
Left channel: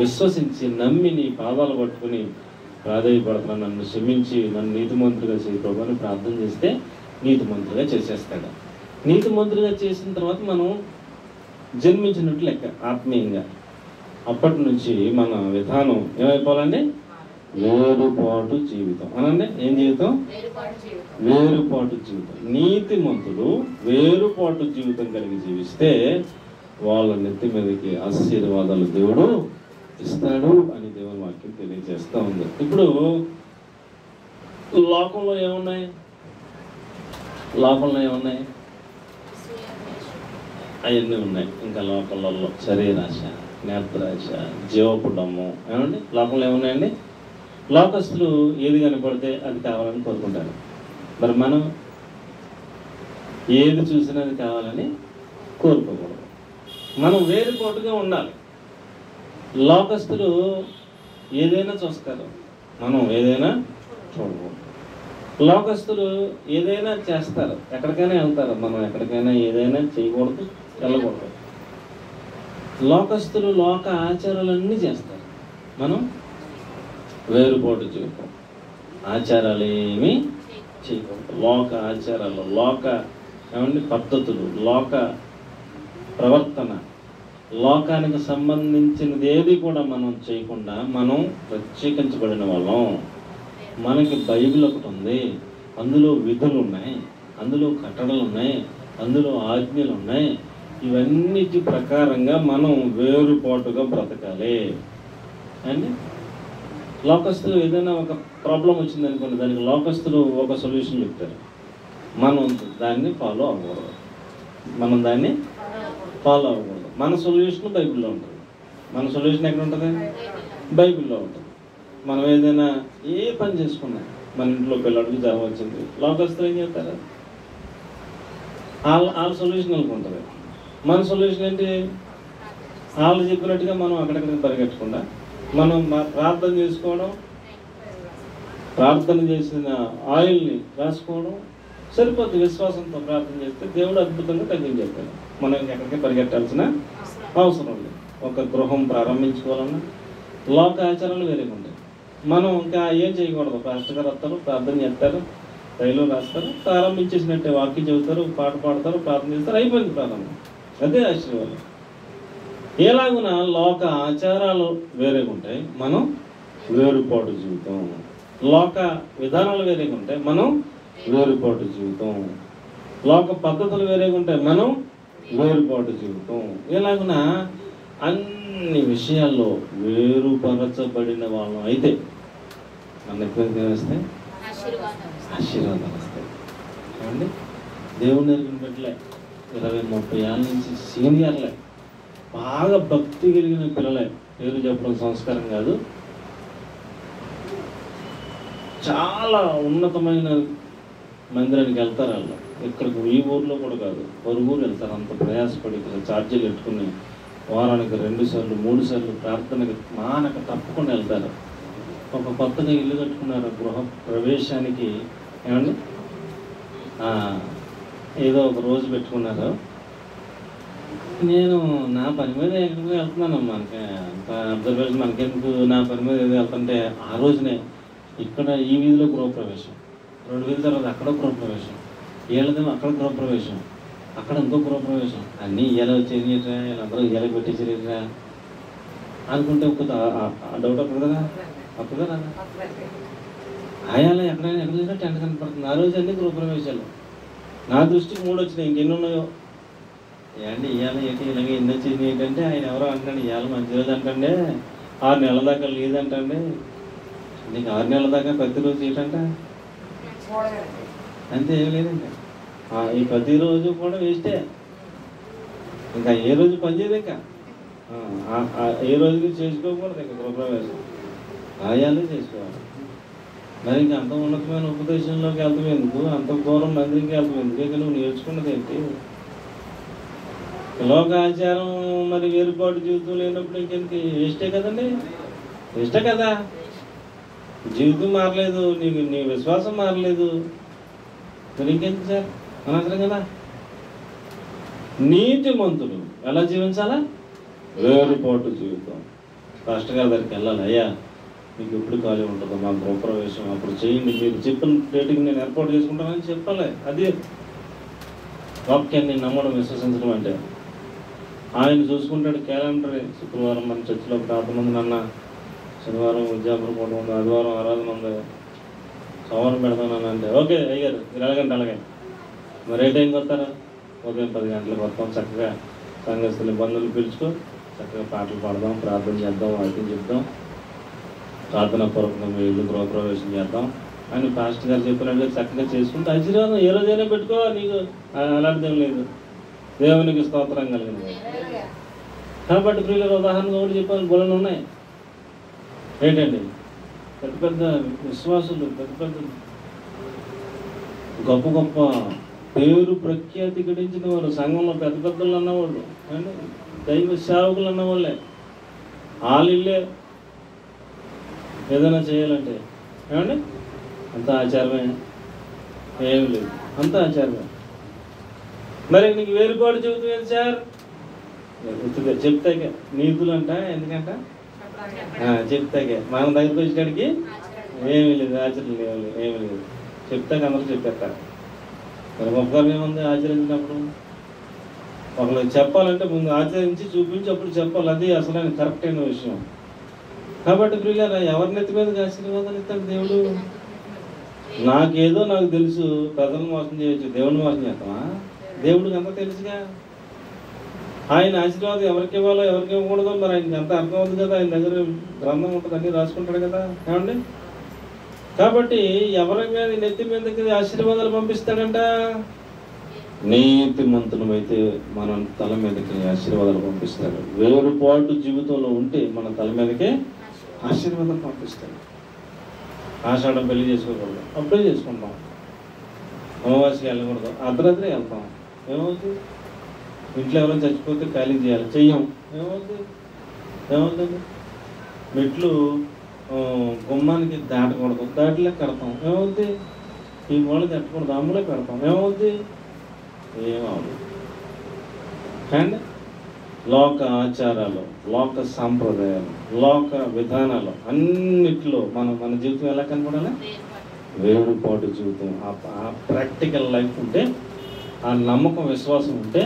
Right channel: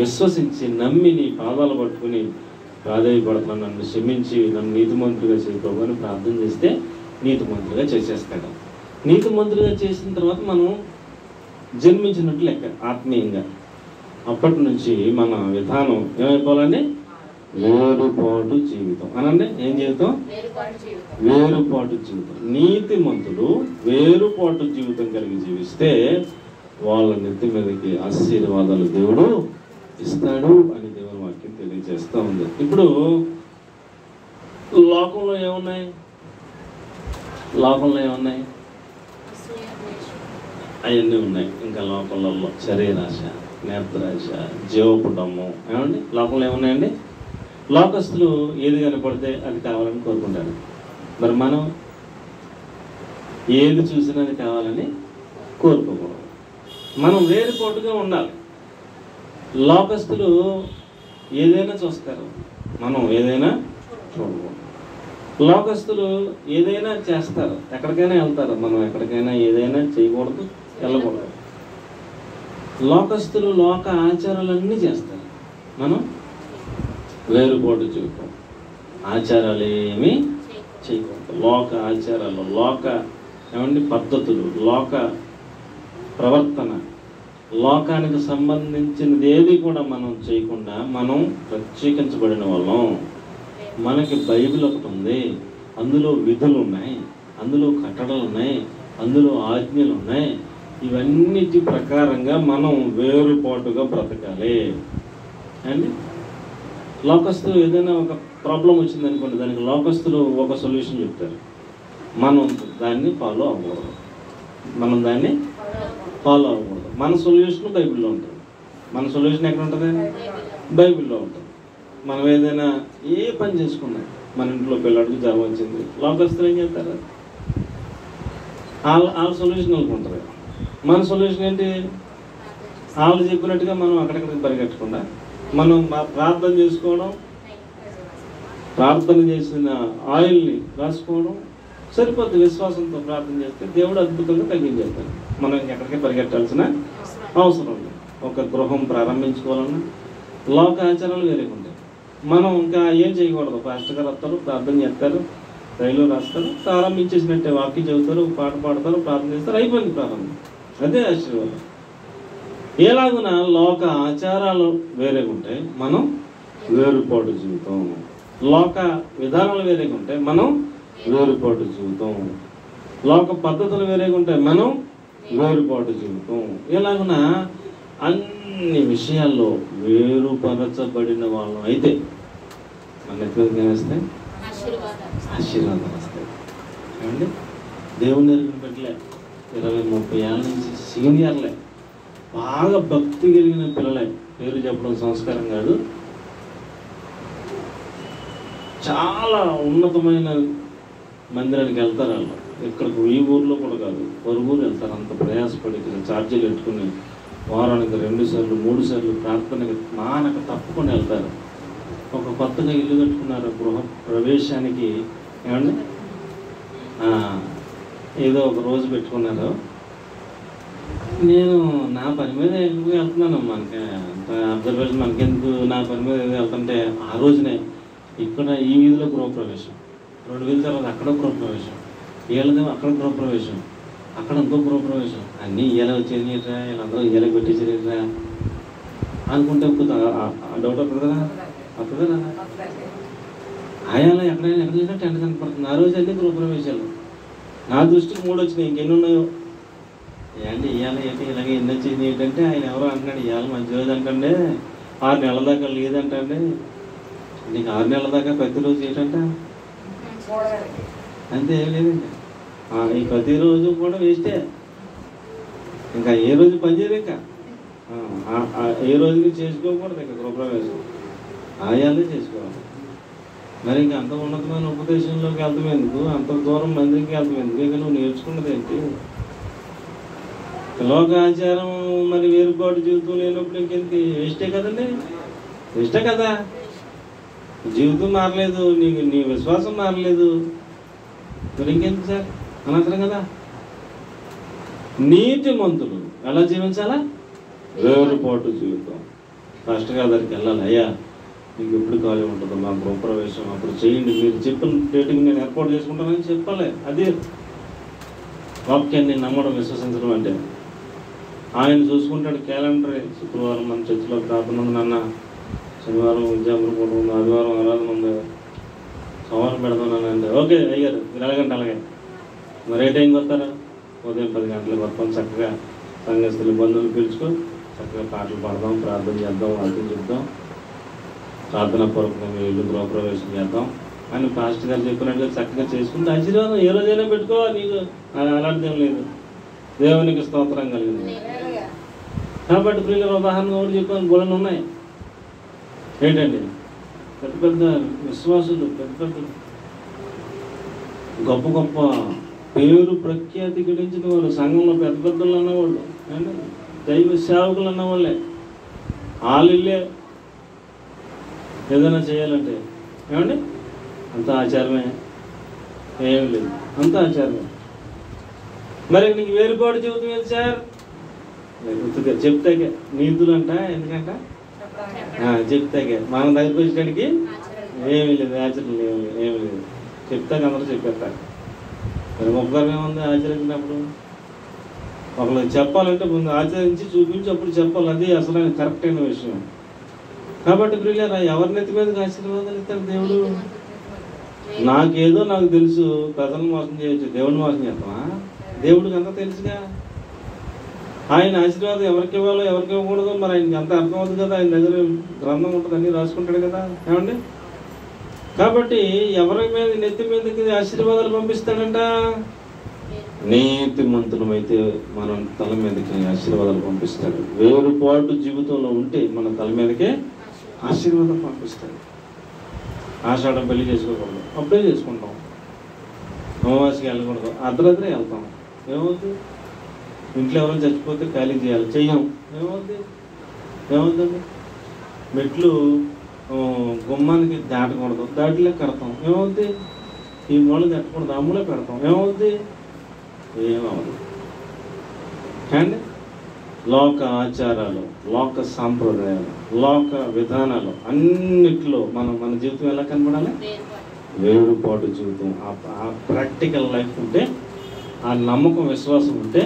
విశ్వసించి నమ్మి నీ పాదాలు పట్టుకుని ప్రాధాయపడుతున్నాను, నన్ను క్షమించి నన్ను నీతిమంతులుగా చేయకోమని ప్రార్థన చేస్తే నీతిమంతులుగా చేసేస్తాడు. నీతిమంతులుగా చేసిన తర్వాత మనం జన్మించినట్లు లెక్క ఆత్మీయంగా. అప్పటి నుంచి మన విధానం ఏమైపోవాలండి? వేరుపాటు జీవితం అనండి. ఏం జీవితం? వేరుపాటు జీవితం. నీతిమంతులు వేరుపాటు జీవితం కలిగి జీవిస్తే వాళ్ళ నెత్తి మీదకి ఆశీర్వాదాలు దేవుడు ఇస్తాడు అని దేవుని వాక్యం తెలియజేస్తూ ఉంది. ఇప్పుడు లోకంలో ఏమున్నాయి? లోకంలో ఏమున్నాయి? అవన్నీ ఉన్నాయి. ఇంకా లోకంలో శరీరాశ, నేత్రాశ, జీవపుడము, ఏమండి లోకంలో ఏమున్నాయండి? లోకస్తులు ఏది కనపడితే అది కావాలని కోరుకుంటారు. మరి మనం ఏది చూసినా అది కావాలని కోరుకోకూడదు. మనం వేరుపాటుగా ఉండాలి. లోకస్తులు ఏదైనా చూస్తారు, మనం ఏదైనా చూడకూడదు. లోకస్తులు ఏదైనా చేస్తారు, ఎక్కడికైనా వెళ్తారు, మనం ఎక్కడికైనా ఏదైనా చేయకూడదు, వెళ్ళకూడదు. లోకస్తులు లోక ఆచారాలన్నీ చేస్తారు, మనం వేరుపాటు జీవితం, ఆచారాలు ఏమీ చేయకూడదు. లోక ఆచారాలు, లోక ఏమండి పద్ధతులు, లోక ప్రవర్తన, లోకానికి సంబంధించినది ఏది కూడా మనం చేయకుండా మనం ప్రత్యేకించబడిన వాళ్ళం. మనకి బైబిల్ ఒకటి ఉంది, అందులో విధులు ఉన్నాయి, అందులో కట్టడలు ఉన్నాయి, అందులో ఆజ్ఞలు ఉన్నాయి. ఇవన్నిటి ప్రకారంగా మనం వేరుపాటుగా బ్రతకాలి అండి. లోకస్తులు ఏదైనా ఒక ప్రాబ్లం వచ్చింది అనుకోండి, దానికి లోకస్తులు ఒక సొల్యూషన్ చెప్తారు, మనం దాన్ని ఫాలో అవ్వకూడదు. మన సొల్యూషన్ బైబిల్లో ఉంటుంది. మన సొల్యూషన్ ఎక్కడ ఉంటుంది? బైబిల్లో ఉంటుంది. మనం ఏదైనా ఏ పని చేసుకున్నా, మన ఇంట్లో పిల్లడికి జ్వరం వచ్చింది, లోకస్తులు ఏం చేస్తారు? వాళ్ళ సొల్యూషన్ వాళ్ళకి ఉంటుంది. మన సొల్యూషన్ ఏంటి? వాళ్ళు చెప్పినట్టుగా మనం అక్కడిక్కడికి పరిగెట్టకుండా మనం ప్రార్థన చేసుకోవడం, ప్రార్థన చేసిన ఆయిల్ని రాసుకోవడం సరిపోద్ది. విశ్వాసంతో ప్రార్థన చేస్తే దేవుడు అద్భుతంగా తగ్గించేస్తాడు. మనం ఎక్కడికి పరిగెట్టాల్సిన అవసరం లేదు. ఒక గృహం ప్రారంభించుకోవాలన్నా లోక ఆచారాలు వేరేగా ఉంటాయి. మనం ఇంకా ఏం చేయకూడదు. పాస్టర్ గారు వస్తారు, ప్రార్థన చేస్తారు, రైలు రాస్తారు, ప్రారంభించేసినట్టే వాక్యం చదువుతారు, పాట పాడతారు, ప్రార్థన చేస్తారు, అయిపోయింది ప్రారంభం. అదే ఆశీర్వాదం. ఎలాగున లోక ఆచారాలు వేరేగా ఉంటాయి, మనం వేరుపాటు జీవితం. లోక విధానాలు వేరేగా ఉంటాయి, మనం వేరుపాటు జీవితం. లోక పద్ధతులు వేరేగా ఉంటాయి, మనం వేరుపాటు జీవితం. ఎలాగున అన్ని విషయాల్లో వేరుపరచబడిన వాళ్ళం అయితే మన ఎక్కడికి వస్తాయి, ఆశీర్వాదాలు వస్తాయి. ఏమండి, దేవుని ఎరిగిన బిడ్డలే 20-30 ఏళ్ళ నుంచి సీనియర్లే, బాగా భక్తి కలిగిన పిల్లలే, పేరు చెప్పడం సంస్కారం కాదు, చాలా ఉన్నతమైన మందిరానికి వెళ్తారు. వాళ్ళు ఇక్కడికి ఈ ఊర్లో కూడా కాదు, పొరుగురు వెళ్తారు. అంత ప్రయాసపడి ఇక్కడ ఛార్జీలు పెట్టుకుని వారానికి 2 సార్లు 3 సార్లు ప్రార్థనకి మానక తప్పకుండా వెళ్తారు. ఒక కొత్తగా ఇల్లు కట్టుకున్నారు, గృహ ప్రవేశానికి ఏమండి ఏదో ఒక రోజు పెట్టుకున్నారు. నేను నా పని మీద ఎందుకు వెళ్తున్నాను, మనకి అబ్జర్వేషన్ మనకెందుకు, నా పని మీద ఏదో వెళ్తుంటే ఆ రోజునే ఇక్కడ ఈ వీధిలో గృహప్రవేశం, 2 వీధుల తర్వాత అక్కడ గృహప్రవేశం, వీళ్ళదేమో అక్కడ గృహప్రవేశం, అక్కడ ఇంకో గృహప్రవేశం, అన్నీ ఇలా వచ్చేయరా, వీళ్ళందరూ ఇలా పెట్టేసారా అనుకుంటే డౌట్ అవుతుంది కదా, అప్పుడు కదా ఆయాలో ఎక్కడైనా ఎక్కడ టెంట్ కనపడుతుంది. ఆ రోజు అన్నీ గృహప్రవేశాలు. నా దృష్టికి 3 వచ్చినాయి, ఇంకెన్ని ఉన్నాయో. ఏంటి ఇవాళ ఏంటి ఇలాగే ఎన్ని వచ్చింది ఏంటంటే, ఆయన ఎవరో అంటాడు ఇవాళ మంచి రోజు అంటండి, 6 నెలల దాకా లేదంటండి. నీకు 6 నెలల దాకా ప్రతిరోజు ఏంటంట అంతే, ఏం లేదండి. ఈ ప్రతిరోజు కూడా వేస్టే, ఇంకా ఏ రోజు పనిచేయదు, ఇంకా ఏ రోజుకి చేసుకోకూడదు, ఇంకా గృహప్రవేశం ఆయాలే చేసుకోవాలి. మరి ఇంకా అంత ఉన్నతమైన ఉపదేశంలోకి వెళ్తాం ఎందుకు, అంత దూరం మందిరికి వెళ్తాం ఎందుకు, ఇంకా నువ్వు నేర్చుకున్నది ఏంటి? లోకాచారం మరి వేరుపాటు జీవితం లేనప్పుడు ఇంకెందుకు, వేస్టే కదండి, వేస్టే కదా. జీవితం మారలేదు, నీ విశ్వాసం మారలేదు, మరి ఇంకెందుకు సార్, అనవసరం కదా. నీతిమంతులు ఎలా జీవించాలా, వేరుపాటు జీవితం. పాస్టర్ గారి దగ్గరికి వెళ్ళాలి, అయ్యా మీకు ఎప్పుడు ఖాళీ ఉంటుందో మా గృహప్రవేశం అప్పుడు చేయండి, మీరు చెప్పిన డేట్కి నేను ఏర్పాటు చేసుకుంటానని చెప్పాలి. అది వాక్యాన్ని నమ్మడం, విశ్వసించడం అంటే. ఆయన చూసుకుంటాడు క్యాలెండర్, శుక్రవారం మన చర్చిలో ప్రార్థన ఉంది నాన్న, శనివారం ఉద్యోగం కూడా ఉంది, ఆదివారం ఆరాధన ఉంది, సోమవారం పెడతాను అంటే ఓకే అయ్యారు, మీరు ఎలాగంటే అలాగే. మరి ఏ టైంకి వస్తారా? ఉదయం 10 గంటలకు వస్తాం. చక్కగా సంఘస్థులు బంధువులు పిలుచుకో, చక్కగా పాటలు పాడదాం, ప్రార్థన చేద్దాం, వాక్యం చెప్దాం, ప్రార్థన పూర్వకంగా మీ ఇల్లు గృహప్రవేశం చేద్దాం అని పాస్టర్ గారు చెప్పినట్టుగా చక్కగా చేసుకుంటే ఆశీర్వాదం ఏ రోజైనా పెట్టుకో, నీకు అలాంటిదేం లేదు. దేవునికి స్తోత్రం కలిగింది. కాబట్టి ప్రియుల ఉదాహరణగా కూడా చెప్పాను, గుణాలు ఉన్నాయి ఏంటండి, పెద్ద పెద్ద విశ్వాసులు, పెద్ద పెద్ద గొప్ప గొప్ప పేరు ప్రఖ్యాతి గడించిన వాళ్ళు, సంఘంలో పెద్ద పెద్దలు అన్నవాళ్ళు, అంటే దైవ సేవకులు అన్నవాళ్ళే, వాళ్ళే ఏదైనా చేయాలంటే ఏమండి అంత ఆచారమే, ఏమి లేదు, అంత ఆచారమే. మరి నీకు వేరుపాటు జీవితం ఏది సార్? చెప్తాకే నీతులు అంట, ఎందుకంట చెప్తాకే మన దగ్గరికి వచ్చేటానికి ఏమీ లేదు, ఆచరణ ఏమి లేదు, చెప్తాక అందరూ చెప్పేస్తారు. మరి గొప్పగా ఏముంది ఆచరించినప్పుడు? ఒకరికి చెప్పాలంటే ముందు ఆచరించి చూపించి అప్పుడు చెప్పాలి, అది అసలు కరెక్ట్ అయిన విషయం. కాబట్టి ప్రియులారా, ఎవరినెత్తి మీద ఆశీర్వాదాలు ఇస్తాడు దేవుడు? నాకు తెలుసు, ప్రజలను మోసం చేయొచ్చు, దేవుడిని మోసం చేస్తామా? దేవుడికి అంతా తెలుసుగా. ఆయన ఆశీర్వాదం ఎవరికి ఇవ్వాలో ఎవరికి ఇవ్వకూడదో మరి ఆయనకి అంత అర్థం అవుతుంది కదా, ఆయన దగ్గర గ్రంథం ఉంటుంది, అన్నీ రాసుకుంటాడు కదా, ఏమండి. కాబట్టి ఎవరి మీద నెత్తి మీదకి ఆశీర్వాదాలు పంపిస్తాడంట? నీతిమంతులమైతే మన తల మీదకి ఆశీర్వాదాలు పంపిస్తాడు. వేరుపాటు జీవితంలో ఉంటే మన తల మీదకే ఆశీర్వాదం పంపిస్తాడు. ఆషాఢం పెళ్లి చేసుకోకూడదు, అప్పుడే చేసుకుంటాం. అమావాస్యకి వెళ్ళకూడదు, అర్ధరాత్రి వెళ్తాం, ఏమవుతుంది? ఇంట్లో ఎవరైనా చచ్చిపోతే ఖాళీ చేయాలి, చెయ్యం, ఏమవుతుంది? మెట్లు గుమ్మానికి దాటకూడదు, దాటిలో కడతాం, ఏమవుద్ది? ఈ వాళ్ళు కట్టకూడదు, అమ్ములో పెడతాం, ఏమవుద్ది? ఏమవుతుంది? కానీ లోక ఆచారాలు, లోక సాంప్రదాయాలు, లోక విధానాలు అన్నిట్లో మన జీవితం ఎలా కనపడాలి? వేరుపాటు జీవితం. ఆ ప్రాక్టికల్ లైఫ్ ఉంటే, ఆ నమ్మకం విశ్వాసం ఉంటే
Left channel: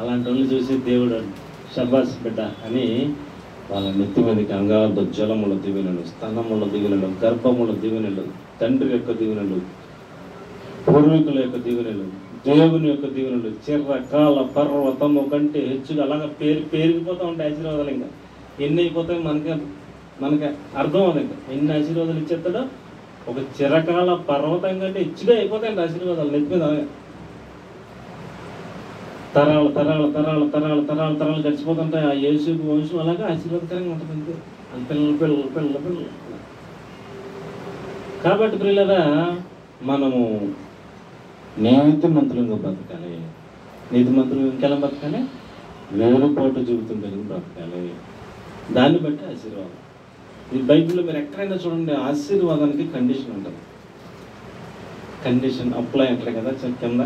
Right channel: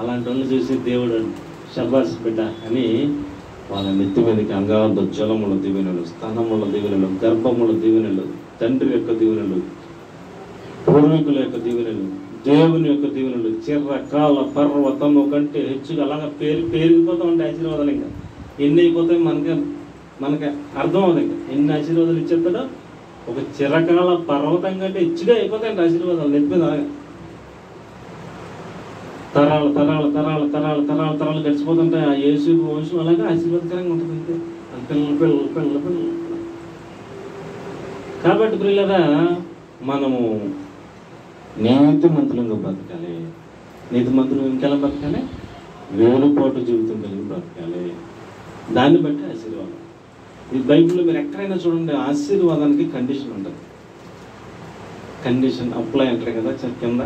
అలాంటి వాళ్ళు చూసి దేవుడు శబాస్ బిడ్డ అని వాళ్ళ నెత్తి మీదకి అంగార్థ జలముల దీవెనలు, స్థానముల దీవెనలు, గర్భముల దీవెనలు, తండ్రి యొక్క దీవెనలు, పూర్వీకుల యొక్క దీవెనలు, దేవుని యొక్క దీవెనలు, చిరకాల పర్వతము కంటే హెచ్చుగా అలాగా పేరుకుపోతూ ఉంటాయి ఆశీర్వాదాలు. ఇంకా ఎన్ని అయిపోతాయి మనకి అర్థం అవుతుంది. ఇంకా ఎన్ని ఆశీర్వాదాలు ఇచ్చేస్తాడో ఒక చిరకాల పర్వతం కంటే హెచ్చుగా అయిపోతాయండి ఆశీర్వాదాలు నెత్తి మీద. తరాలు తరాలు తరాలు తరాలు తరాలు తరాలు గడిచిపోతుంటాయి. ఆ యేసు వంశం అలాగే ఆశీర్వాదకరంగా ఉంటుంది. అంతే పిల్లలు పిల్లలు పిల్లలు పిల్లలు. కాబట్టి పిల్లరా మనము నీతిమంతులంగా బతకాలి. నీతిమంతులు ఇంకెలా బతకాలి? వేరుపాటు జీవితం కలిగి బతకాలి. దాన్ని బట్టి ఆశీర్వాదం. ఈ బైబిల్లో మీరు ఎక్కడైనా చూడండి, ఆశీర్వాదానికి కండిషన్ ఉంటుంది. కండిషన్ అప్లై అంటారు కదా, కింద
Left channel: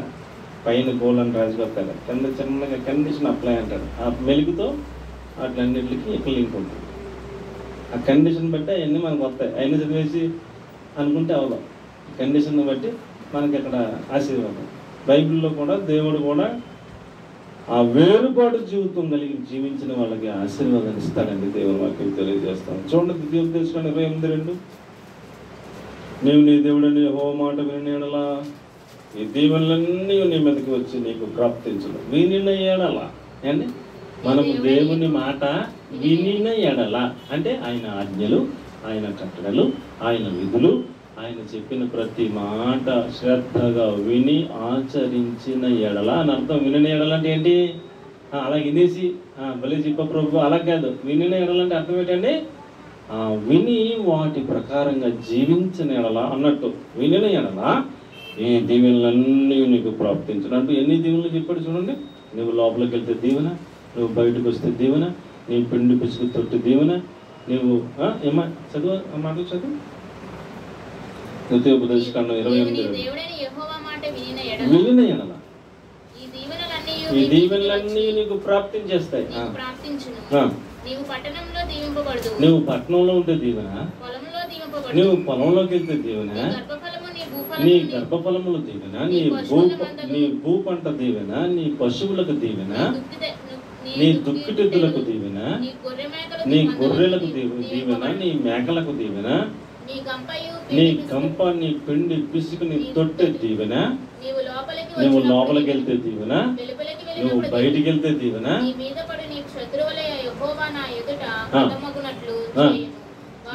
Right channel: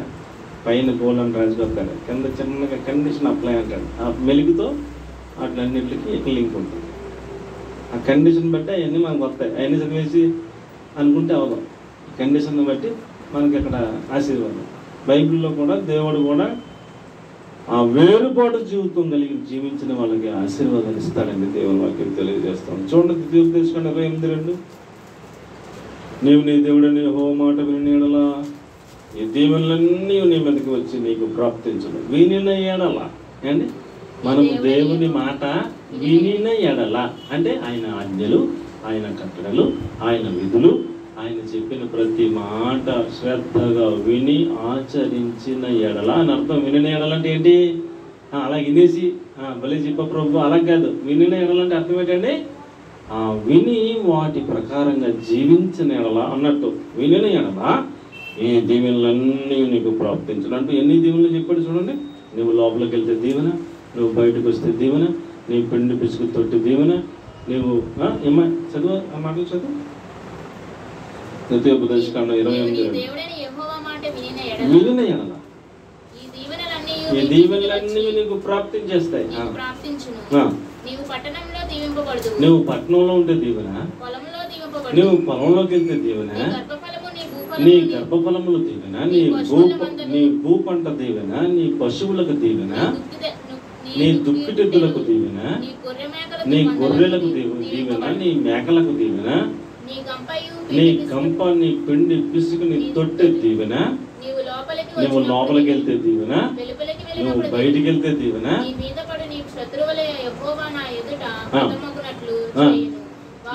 పైన బోలని రాజుకొస్తాడు, కింద చిన్నగా కండిషన్ అప్లై అంటాడు. ఆ మెలుగుతో వాటిలన్నింటికి లింక్ ఉంటుంది. ఆ కండిషన్ బట్టి అవన్నీ మనకు వస్తాయి. అయినా చదివేసి అనుకుంటే అవదాం. కండిషన్ బట్టి మనకి అక్కడ ఆశీర్వాదం. బైబిల్లో కూడా దేవుడు కూడా ఆ వేరుపాటు జీవితం కలిగి జీవించిన వాళ్ళకి ఆశీర్వాదాన్ని ఇస్తాడండి. దేవుని వాక్యం తెలియజేస్తాం. చూడండి, తీసుకోండి 28:2. నీవు నీ దేవుడని యెహోవా మాట విని ఎడలా ఈ దీవెనలన్నీ నీ మీదకి వచ్చి నీకు ప్రాప్తించను. వినిన ఎడల అండి, మనము దేవుని మాట వినిన ఎడల అంటే ఆయన ఆజ్ఞలు, ఆయన కట్టడలు, ఆయన విధులు, ఆయన చెప్పిన ప్రతి మాట శ్రద్ధగా విని ఆచరించిన ఎడల అని అర్థం. వినిన ఎడల అంటే ఏంటి? అలా వినేసి భలే చెప్ప ప్రభు అలా కాదు. వినిన ఎడల అంటే అర్థం ఏంటండి? విని వాటి ప్రకారంగా జీవించిన ఎడల అన్నట్టు. వినిన ఎడల ఈ దీవెనలన్నీ నీకు ప్రాప్తించను అంటే ఎన్ని దీవెనలు చెప్పాడు చూడండి. నువ్వు లోపలికి వెళ్తే దీవెన, నువ్వు బయటకు వస్తే దీవెన, నీ పిండి పిసుకు తొట్టి దీవెన, నువ్వు ఏమా చదువు ఆ మాటలు చదువు. ద్వితీయోపదేశకాండం 28 వినిన ఎడల ఈ దీవెనలన్నీ నీకు ప్రాప్తించేస్తాయి. నువ్వు పట్టణంలో ఉంటే దీవెన, నువ్వు పొలంలోకి వెళ్తే దీవెన, నీ గర్భఫలములు దీవెన, నీ భూ పంట దీవెన, నీ పశువులకు దీవెన, నీ దుక్కిటెద్దులకు దీవెన, నీ గొర్రెలకు దీవెన, నీ మేకలకు దీవెన, నీ గంప, నీ పిండి పిసుకు, నీ తొట్టె దీవెన, నువ్వు లోపలికి వెళ్తే దీవెన, నువ్వు బయటికి వెళ్తే దీవెన.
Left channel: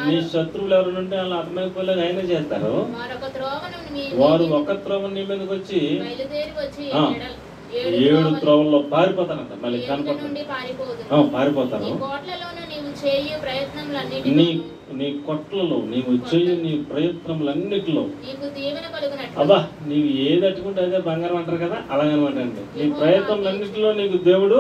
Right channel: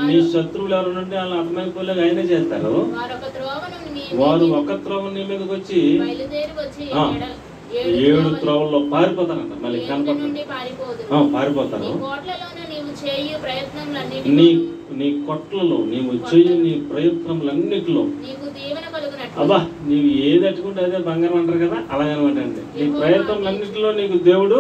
నీ శత్రువులు ఎవరుంటే వాళ్ళు అర్థమైపోలేక అయినా చేస్తారు. వారు ఒక త్రోవ నీ మీదకి వచ్చి 7 త్రోవల్లో పారిపోతారంట. మళ్ళీ పారిపోతారు. నీ కొట్లలో నీవు చేయు నీ ప్రయత్నములన్నిటిలో అబ్బా నీవు ఏది అట్టుకుంటే అదే బంగారం అంటారు కదా, అలాగనమాట అండి. నీ ప్రయత్నములన్నిటిలో నీకు దేవుడు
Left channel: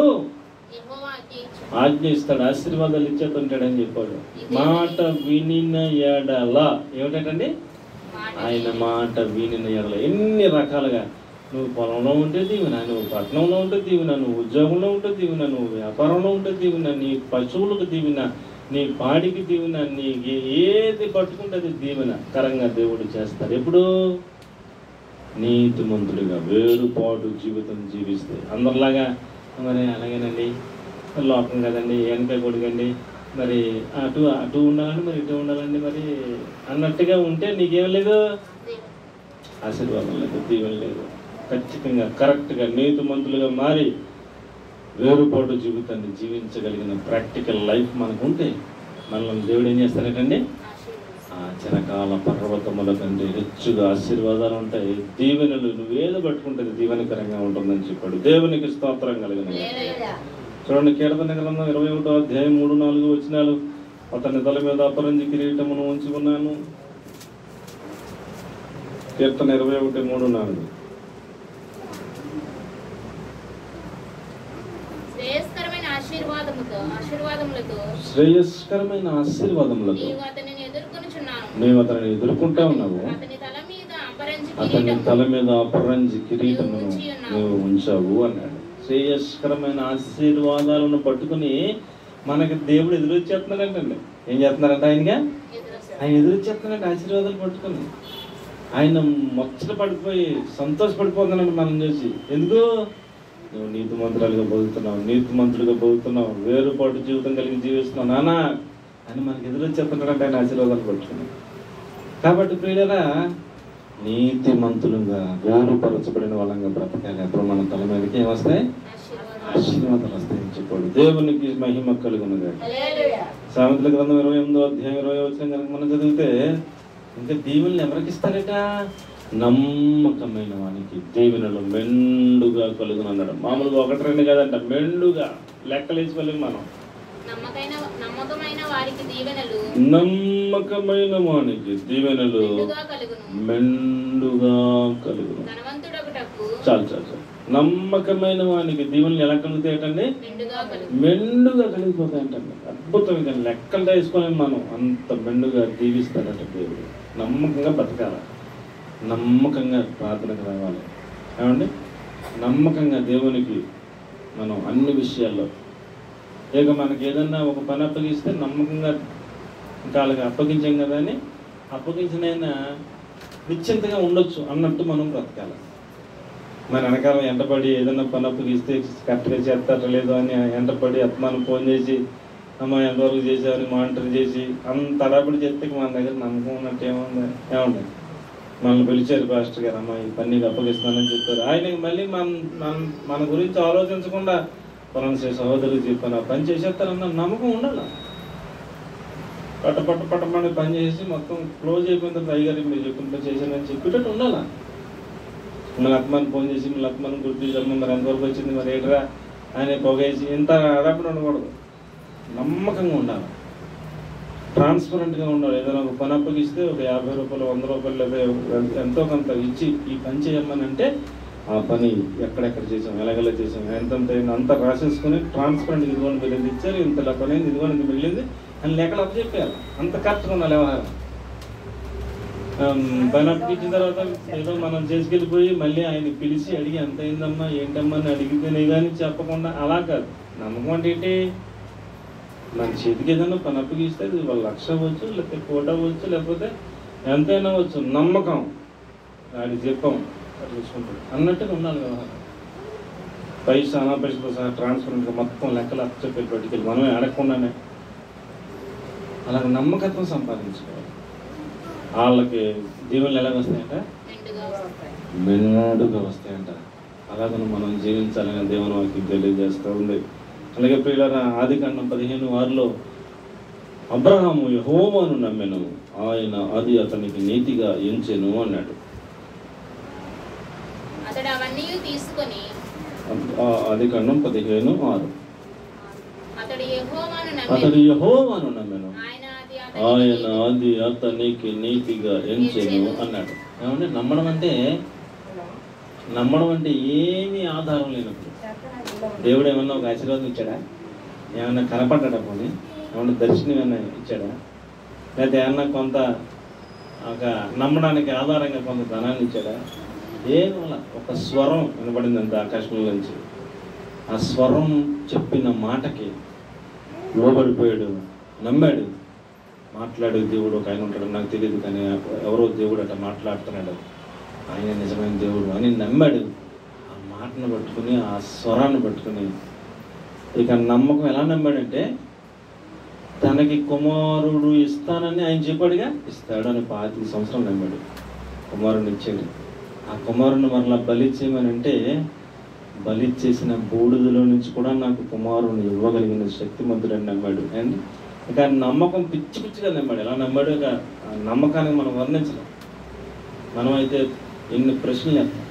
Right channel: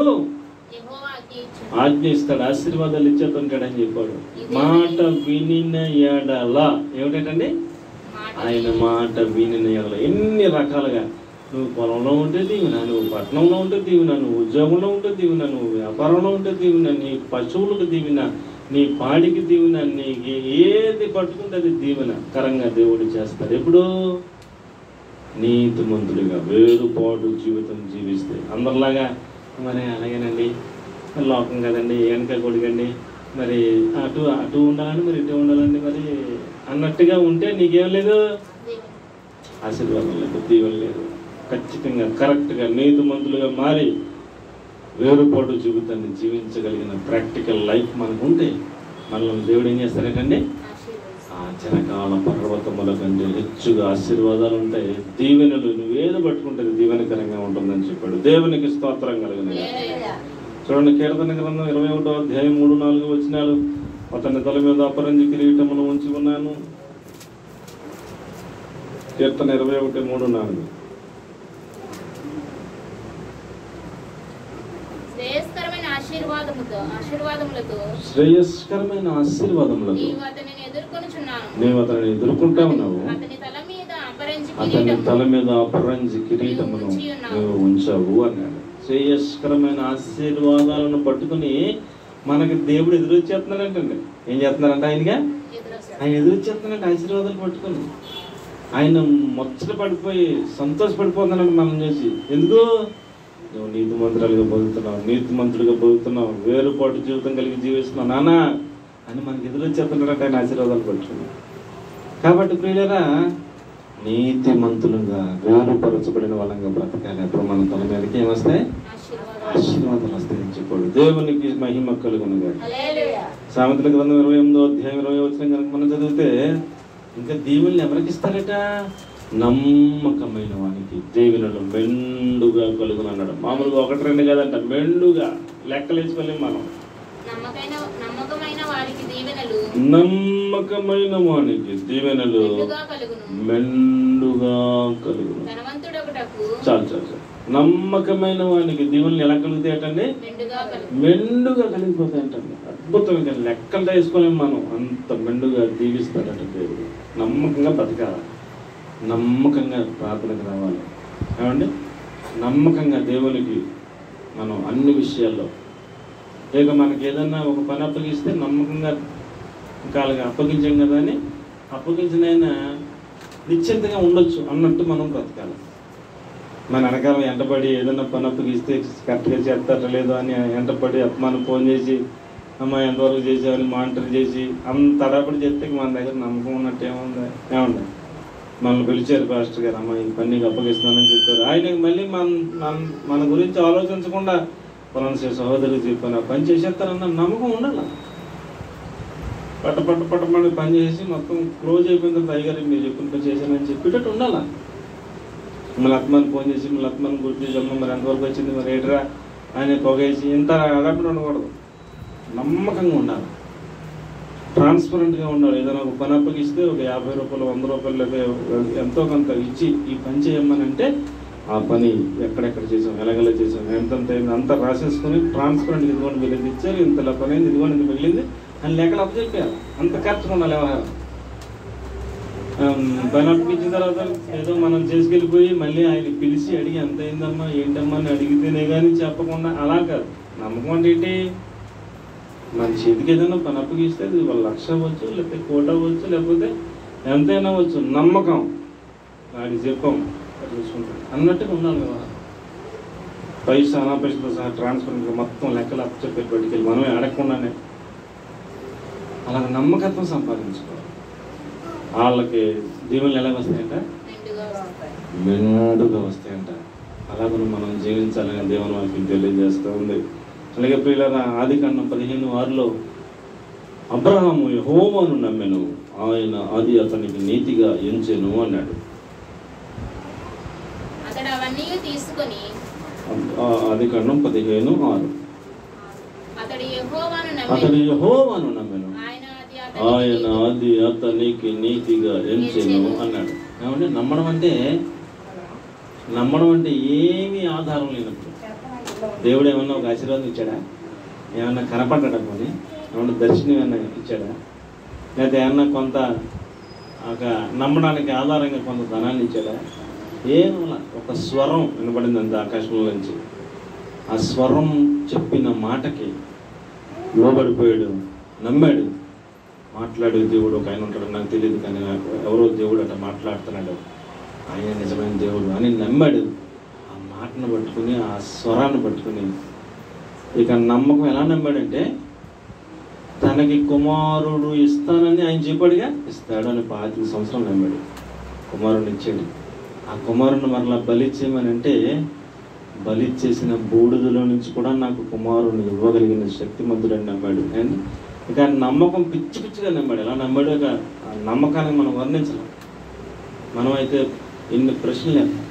ఆజ్ఞ ఇస్తాడు, ఆశీర్వాదాలు ఇచ్చేస్తుంటాడని చెప్పాడు. మాట వినిన ఎడల ఏమిటండి? ఆయన మాట వినిన ఎడల ఎన్ని రకాలుగా. నువ్వు పొలంలో ఉంటే దీవెన, నువ్వు పట్టణంలో ఉంటే దీవెన, నువ్వు ఉద్యోగంలో ఉంటే దీవెన, నువ్వు వ్యాపారంలో ఉంటే దీవెన, నీ పశువులకు దీవెన, నీ పాడికి దీవెన, నీకు ఏది పట్టుకుంటే అది దీవెన కరంగా దేవుడు చేస్తాడు. ఎప్పుడు? నీతిమంతుడిగా వేరుపాటు జీవితం జీవిస్తే. అందరిలాగా మరి అలాగేనండి, లోకం కదండి, వెనక కొడుకండి, మరి అటు ఉండాలండి, మరి ఇటు ఉండాలండి మరి అన్నట్టుగా ఉంటే నీకేం లేదు, ఆశీర్వాదం లేదు, దీవెన లేదు. ఖచ్చితంగా కరెక్ట్గా నీతిమంతులుగా మారి వేరుపాటు జీవితాన్ని జీవించగలిగిన ప్రాక్టికల్ లైఫ్ మనకు ఉంటే మనల్ని దేవుడు ఏం చేస్తారంటండి? ఆ చిరకాల పర్వతముల కంటే హెచ్చుగా ఆశీర్వాదాలు ఉంటాయి. దీవెనలు నువ్వేదో పట్టుకుంటే దీవెనకరంగా ఉంటుందని చెప్పాడు. దేవునికి స్తోత్రం కలిగిన. చూడండి, కీర్తన గ్రంథం 21వ అధ్యాయం 3-4 వచనాలు. అతని తల మీద అపరంజి కిరీటమును ఉంచి ఉన్నాను. కీర్తన 21:3-4. శ్రేయస్కరమైన ఆశీర్వాదములతో నీవు అతనిని ఎదుర్కొంటా ఉన్నావు. అతని తల మీద అపరంజి కిరీటమును నువ్వు ఉంచావు అన్నాడు. శ్రేయస్కరమైన ఆశీర్వాదాలను పట్టుకుని మనకి దేవుడు ఎదురొచ్చేస్తున్నాడంటండి. ఏం చేస్తున్నారంట? ఆయన ఎదురొచ్చేస్తున్నాడంటే ఆశీర్వాదాలు పట్టుకుని ఆయన ముచ్చట పడిపోయి సంతోషపడిపోతున్నాడు మనం చేసి. ఎందుకు? నువ్వు నీతిమంతురాలుగా బతుకుతున్నావు, నీతిమంతుడిగా బతుకుతున్నావు, వేరుపాటు జీవితం కలిగి జీవిస్తున్నావు నాన్న అని మనకి ఎదురొచ్చేస్తున్నాడంటే ఆయన ఆశీర్వాదాలు పట్టుకున్నాను. కాబట్టి ప్రియులరా, నీతిమంతులుగా వేరుపరచబడిన వాళ్ళంగా బ్రతకాలి. అప్పుడు మన తల మీదకి ఏమొస్తాయి? ఆశీర్వాదాలు వస్తాయని చెప్పాడు. దేవునికి మహిమ కలుగునుగా. సామెతల గ్రంథం 28వ అధ్యాయం 20వ వచనం కనుక మనం చదివితే, ఇంకా దీవెనలు ఎవరికి ఇస్తారట? నమ్మకమైన వానికి దీవెనలు మెండుగా కలుగును అన్నాడు. మామూలుగా 1 2 కాదంట, మెండుగా. లెక్కలేసుకోలేము మనం. నమ్మకమైన వారికి దీవెనలు మెండుగా కలుగును. చాలు చాలు చాలు. నమ్మకమైన వానికి దీవెనలు ఎలా కలుగుతాయటండి? మెండుగా కలిగిపోతాయంటండి. అద్భుతంగా లెక్కలు వేసుకోలేము మనం, అంత మెండుగా దీవిస్తాడట దేవుడు. నమ్మకంగా బతకాల, నమ్మకంగా ప్రార్థనకు రావాలి. ఏమండి, నమ్మకంగా దేవునికి మనం అన్ని విషయాల్లో, ఇక మనకి ఏదన్నా ఒక పని అప్పగిస్తే నమ్మకంగా ఇంకా వాళ్ళకి అప్పగించాం కదా అని అప్పగించినైనా నిశ్చింతగా ఉండొచ్చు అన్నట్టు మనం బ్రతకాలి. మన వెనకాల ఎంటపడి ఏదన్నా పని అప్పగిస్తే కరెక్ట్గా చేస్తారో లేదో అని ఎంటపడి అత్మానం ఫోన్ చేసి అమ్మ ఎంతవరకు చేసామని మానిటర్ చేసి అంత అడపడి చెప్తే మన దగ్గర నమ్మకం ఉన్నట్టు ఏముంది? మనల్ని పిలిచారు పాస్టర్ గారు, అమ్మ ఈ పని నీకు అప్పగిస్తానని చెప్పారు. ఆయనకి మళ్ళీ మన గురించి ఆలోచించకుండా పలానా సహోదరులు చెప్పాను, ఆ పని చేసేస్తారన్న నమ్మకం ఉండాలి. పట్టమని పని చేసి మొత్తం క్లోజ్ అయిపోయిన తర్వాత అయ్యగారు మీరు చెప్పిన పని చేశానని చెప్పేటట్టు ఉండాలా. మళ్ళీ అత్మాన్ని ఫోన్ చేసి మళ్ళీ అత్మాన్ని గుర్తు చేసాము, మరి ఎంతవరకు వచ్చింది, మరి ఏటరా ఆయన పొగేసి ఇంత అడపడి ఉండకూడదు. నమ్మకంగా ఉండాలి, ట్రాన్స్పరెంట్గా ఉండాలి. ఏదైనా ఒక పని అప్పగిస్తే ఒక 50 రూపాయలు 100 రూపాయలు లేదా ఎంతో కొంత ఇచ్చి ఈ పని చేయమని అంటే ఆ పని ఎక్కడెక్కడ చేసాం, ఎలాగెలా చేసాం, ఎంతెంత అయింది అంతా రాసేసుకొని ట్రాన్స్పరెంట్గా ఇదిగోండి వెళ్ళింది ఇచ్చారు, ఇంత పని అయింది, ఇదిగోండి ఇంత వెళ్ళింది అని లెక్కలు అప్పచెప్పాలి. అంత కరెక్ట్గా ఉండాలి వ్యవహారం. పని అప్పగించిన తర్వాత ఏదో మనం చేసుకెళ్ళిపోయి మళ్ళీ ఆయనకి పిలిచి అడిగి ఎంత అయిందమ్మా ఏంటమ్మా అని అడిగితేనే కానీ చెప్పకుండా అలా కాదు. నమ్మకం అంటే ఏంటి? మన చేతికి ఏదైనా పని అప్పగిస్తే అది 1,00,000 అవ్వచ్చు, లేకపోతే 1 కోటి అవ్వచ్చు, లేకపోతే ఎంతైనా అవ్వచ్చు. నమ్మకం వాడికి చెప్పాం చూసుకుంటాడు అన్నట్టుగా ఉండాలి వ్యవహారం. పైసా అనాపైసతో సహా ట్రాన్స్పరెంట్గా మొత్తం లెక్కలు అప్పచెప్పి పట్టుకెళ్ళి మనమే అడగకుండానే అలాగ నమ్మకత్వం సంపాదించుకోవాలి. వాళ్ళకి దీవెనలు ఎలాగ వస్తాయంట? మెండుగా వస్తాయంట. అలాగే మనం జీవించాలని దేవుని వాక్యం తెలియజేస్తూ ఉంది. అలాగే ప్రియులారా, ఆదికాండం 15:6 అబ్రహాము యెహోవాను నమ్మెను, ఆయన అది అతనికి నీతిగా ఎంచెను అన్నాడు. ఆదికాండం 15:6 అతడు యెహోవాను నమ్మెను, ఆయన అది అతనికి నీతిగా ఎంచెను అన్నాడు. ఏమంటే నమ్మడం అంటే ఏమీ ఆధారం లేనప్పుడు దేవుడు ఏమన్నా ఒక ఆశీర్వాదం ఇచ్చాడా? ఏమన్నా కనపడ్డా? పోనీ ఏమన్నా దర్శనం ఏమన్నా ఇచ్చాడా? లేదా ఏమన్నా కొంత ఒక నమ్మడానికి ఆధారంగా కొంత ధనాన్ని ఇచ్చాడా? ఏమన్నా ఒక స్వరం వినబడింది అంత ఆకాశంలో నుంచి. ఆ స్వరం చెప్పిన మాటకి లోబడిపోయాడు, నమ్మాడు. మాట్లాడే దేవుడు ఒక ఆయన ఉంటాడు, నాకు తెలియదు కానీ ఎవరో దేవుడు అట్లా మాట్లాడుతున్నాడు, ఆయన నిజమైన దేవుడు అని నమ్మాడు. ఆ మాటను పట్టుకుని, ఆ స్వరాన్ని పట్టుకుని, ఇక నమ్మకం ఎలా నమ్మాడంటే తనకి కుమారుడు ఇస్తానని ఆయన చెప్పాడుగా, ఇస్తాడు అని 25 సంవత్సరాలు నమ్మాడు. కుమారుడిని ఇచ్చాడు. ఆ కుమారుడిని మరలా బలిచ్చేయమని అంటే బలిచ్చేసిన బూడిదలో నుంచి కూడా నాకు కుమారుడిని ఇవ్వగలిగిన శక్తిమంతుడని నమ్మాడు. అండ్ ఇక నమ్మకం పిచ్చిగా నమ్మాడు. ఎలా నమ్మాడు? ఇక నమ్మకాన్ని మనం వర్ణించలేం. మనం అయితే ఎన్ని ప్రశ్నలు వేస్తాం,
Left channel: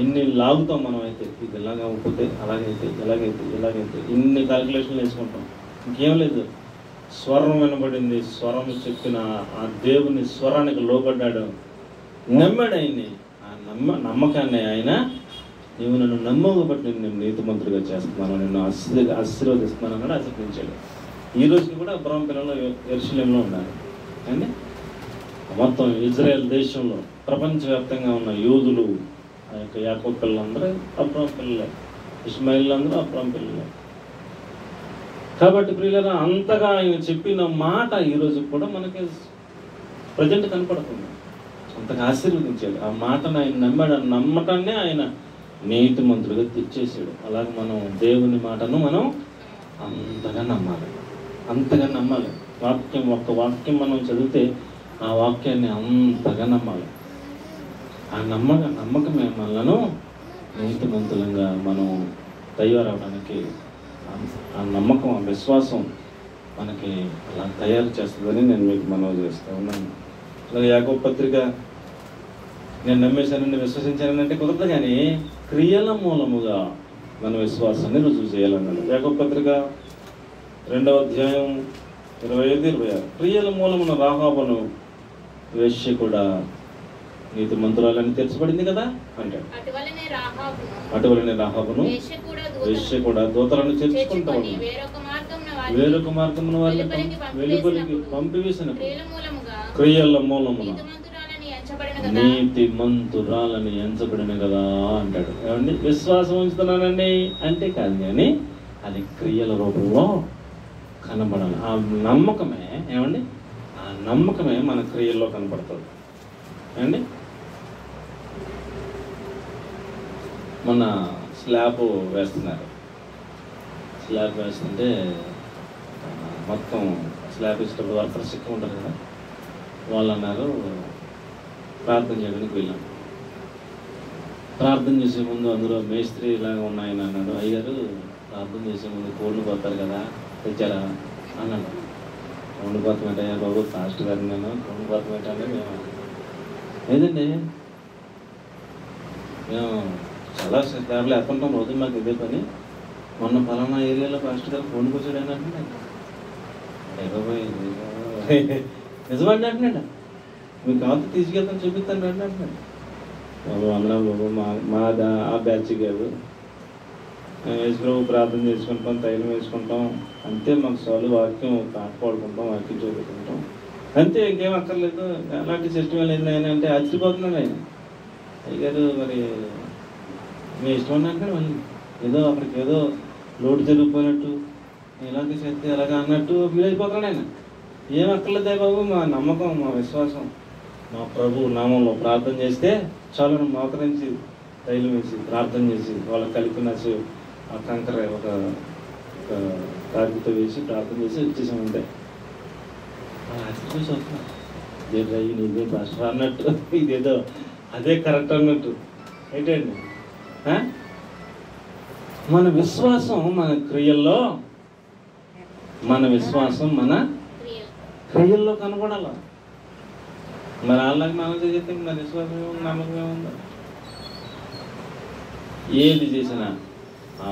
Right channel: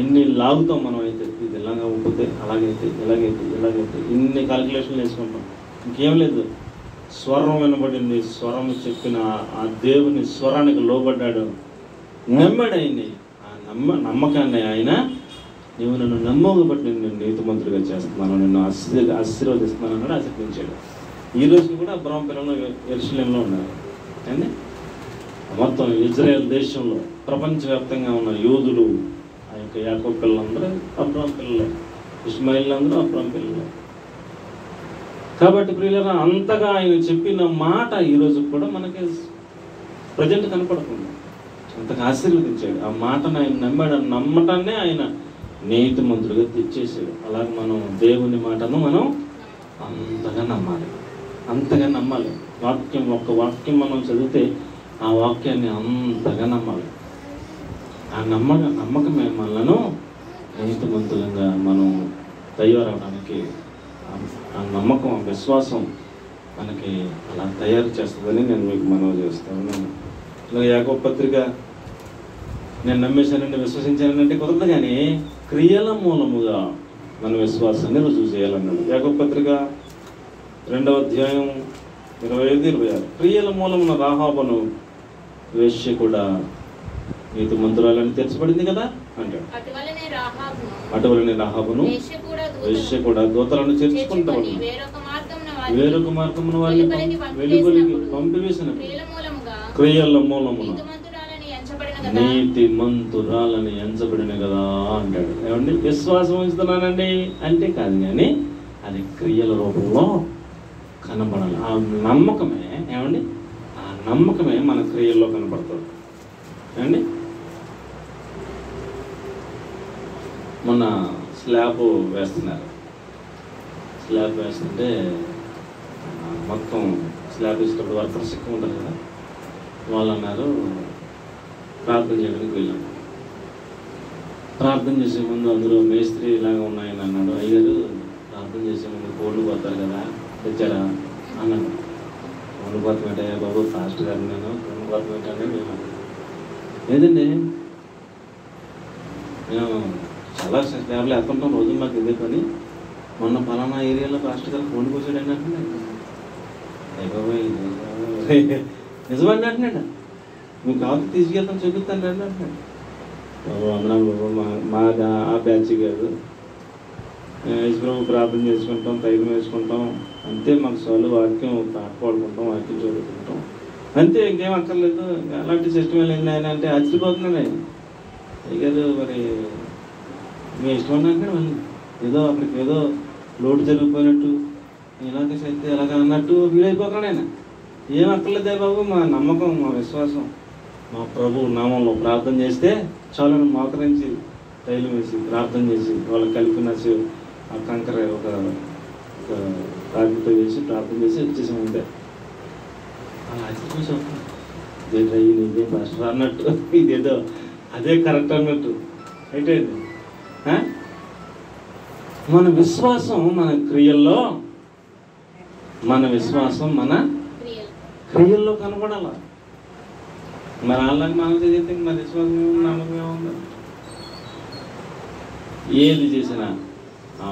ఎన్ని లాగుతాం. మనం అయితే ఇది ఇలాగా ఉంటుంది, అలాగైతే ఎలాగైతే ఇన్ని క్యాలిక్యులేషన్లు వేసుకుంటాం. ఇంకేం లేదు, స్వరం వినబడింది, స్వరం చెప్పిన ఆ దేవుని స్వరానికి లోబడ్డాడు, నమ్మాడు ఆయన్ని. ఆ నమ్మకాన్ని ఆయన, నీవు నన్ను నమ్మవు బట్టి నేను నీతిమంతుడిగా చేస్తున్నాను, నిన్ను ఆశీర్వదిస్తున్నాను అన్నాడు, ఆశీర్వదించాడు. ఈ రోజుకి కూడా అబ్రహాం పిల్లలు యెరూషలేములో ఉన్నారు అండి. మొత్తం ఇజ్రాయెల్ దేశంలో ప్రపంచవ్యాప్తంగా ఉన్న యోధులు ఆ యొక్క యాకోబు పిల్లలందరూ అబ్రహాం పిల్లలే, ఇష్మాయిల్ అందరూ అబ్రహాం పిల్లలే. కాబట్టి ప్రియులారా, అంతగా ఆయన చెప్పిన మాట ఈరోజు కూడా మనకి ప్రజెంట్ కనపడుతుంది. అంతగా ఆశీర్వదించాడు. ఆ మాటను ఆయన నమ్మాడు. నమ్మటాన్నే ఆయన నీతిమంతుడిగా తెచ్చేసాడు. అలాగే మనం దేవుని మాటను మనం అంతగా నమ్మాలి, అంతగా నమ్మాలి. ఒక్క వాక్యం మనం చదివితే ఆ వాక్యాన్ని అంతగా నమ్మాలి. ఆ నమ్మకమే మనలను నీతిమంతులంగా మనం తయారవడానికి, ఆ నమ్మకం, ఆ విశ్వాసం మనకి అలా తయారు చేస్తుందని నేను మీకు మనవి చేస్తాను. ఇలా యాకోబు పత్రిక నేను నమ్మేశానంటే, విశ్వసించానంటే కుదరదు, కానీ క్రియల మూలముగా మన విశ్వాసాన్ని రుజువు చేయాలన్నాడు. యాకోబు పత్రిక 2వ అధ్యాయం 25-26. క్రియల మూలమున రాహాబును వేశ్య కూడా నీతి మంత్రాలని తెరచబడింది కదా అంటాడు. అటువలనే రాహాబును వేశ్య కూడా దూతలను చేర్చుకుంటూ వేరొక మార్గమున వెలుపలికి పంపివేసిన క్రియల మూలమున నీతి మంతురాలని ఎంచబడిన కదా అంటాడు. ఏమండి, విశ్వాసం ఉంచుతున్నానండి అంటే కాదు, కానీ అది క్రియల రూపంలో కనబడాలి. ఆ నమ్మకమే, ఏమండి, ఆ నమ్మకమే మన క్రియల్లో కనబడుతుంది. ఏమండి, మొన్న స్లాబ్ వేస్తున్నారు. స్లాబ్ వేస్తుంటే మొత్తం స్లాబ్ వేసేటప్పుడు వర్కర్స్ ఎక్కువ ఉంటారు కదా, వాళ్ళు అన్నారు ప్రార్థన చేయడానికి వెళ్ళాం. ప్రార్థన చేసే ముందు అందులో మేస్త్రి ఇలాగా ఉన్నాయని అన్నాడు. అయ్యారు ప్రార్థన చేసే ముందు కోళ్ళు పోతారు కదా, తెచ్చారా అన్నాడు. కోళ్ళు పోతున్నట్టయ్యా బాబు, ఫాస్ట్ గారు నేను కోళ్ళు పోతున్నట్టని మేము లేదండి, మేము చాలా స్లాబ్లు వేస్తుంటాం రోజు, మాకు ఇదే పని. మొన్న పలానా ఏరియాలో ఫాస్ట్ గారు కోళ్ళు కూర్చోడు అని అంటున్నాడు. నిజమండి అంటున్నాడు. మీరు కావాలి తీసుకెళ్తాం, చూపిస్తాను రండి అంటున్నాడు. బాబు అన్నాను, బాబు మాది ఆ బ్యాచ్ కాదు, యేసుప్రభు ప్రార్థన చేసుకుంటాం, తైలం వేసుకుంటాం అంతే, మాకు సోలు వాక్యం పాట పాడుకుంటాం, వాక్యం చదువుకుంటాం అంతే, ఇంకేం అక్కర్లేదు. అలాంటి సిస్టమ్ లేదు ఆయన అంటే ఆశ్చర్యపోతున్నాడు ఆయన. అయ్యారు మరి మీ ఇష్టం అన్నట్టు మళ్ళీ ఏదో అక్కడికి ఏదో లోటు జరిగిపోయినట్టు, ఇలాంటి శక్తి ఎలాగ అన్నట్టు ఫీల్ అయిపోతున్నాడు ఆయన. ఏం అక్కర్లేదే బాబు, మా నమ్మకం, మా విశ్వాసం మా ప్రభు నామంలో ప్రార్థన చేస్తే చాలు, మోకరించి తైలం వేసి ప్రార్థన చేసి వాళ్ళకి కలిపిన ఆ కంకర ఒక రాగితో వేసి ప్రార్థన చేసి వచ్చేసాం అంతే. ఇదే భాష అన్నట్టు, ఇదేదో అదే కరెక్ట్ అన్నట్టు అయితే మన విశ్వాసం మన క్రియల్లో, మన విశ్వాసం మన క్రియల్లో కనబడాల. మరి వాళ్ళకి మనం చేస్తే మన విశ్వాసం నమ్మకం ఏముంది? ఏది చేసినా ఆ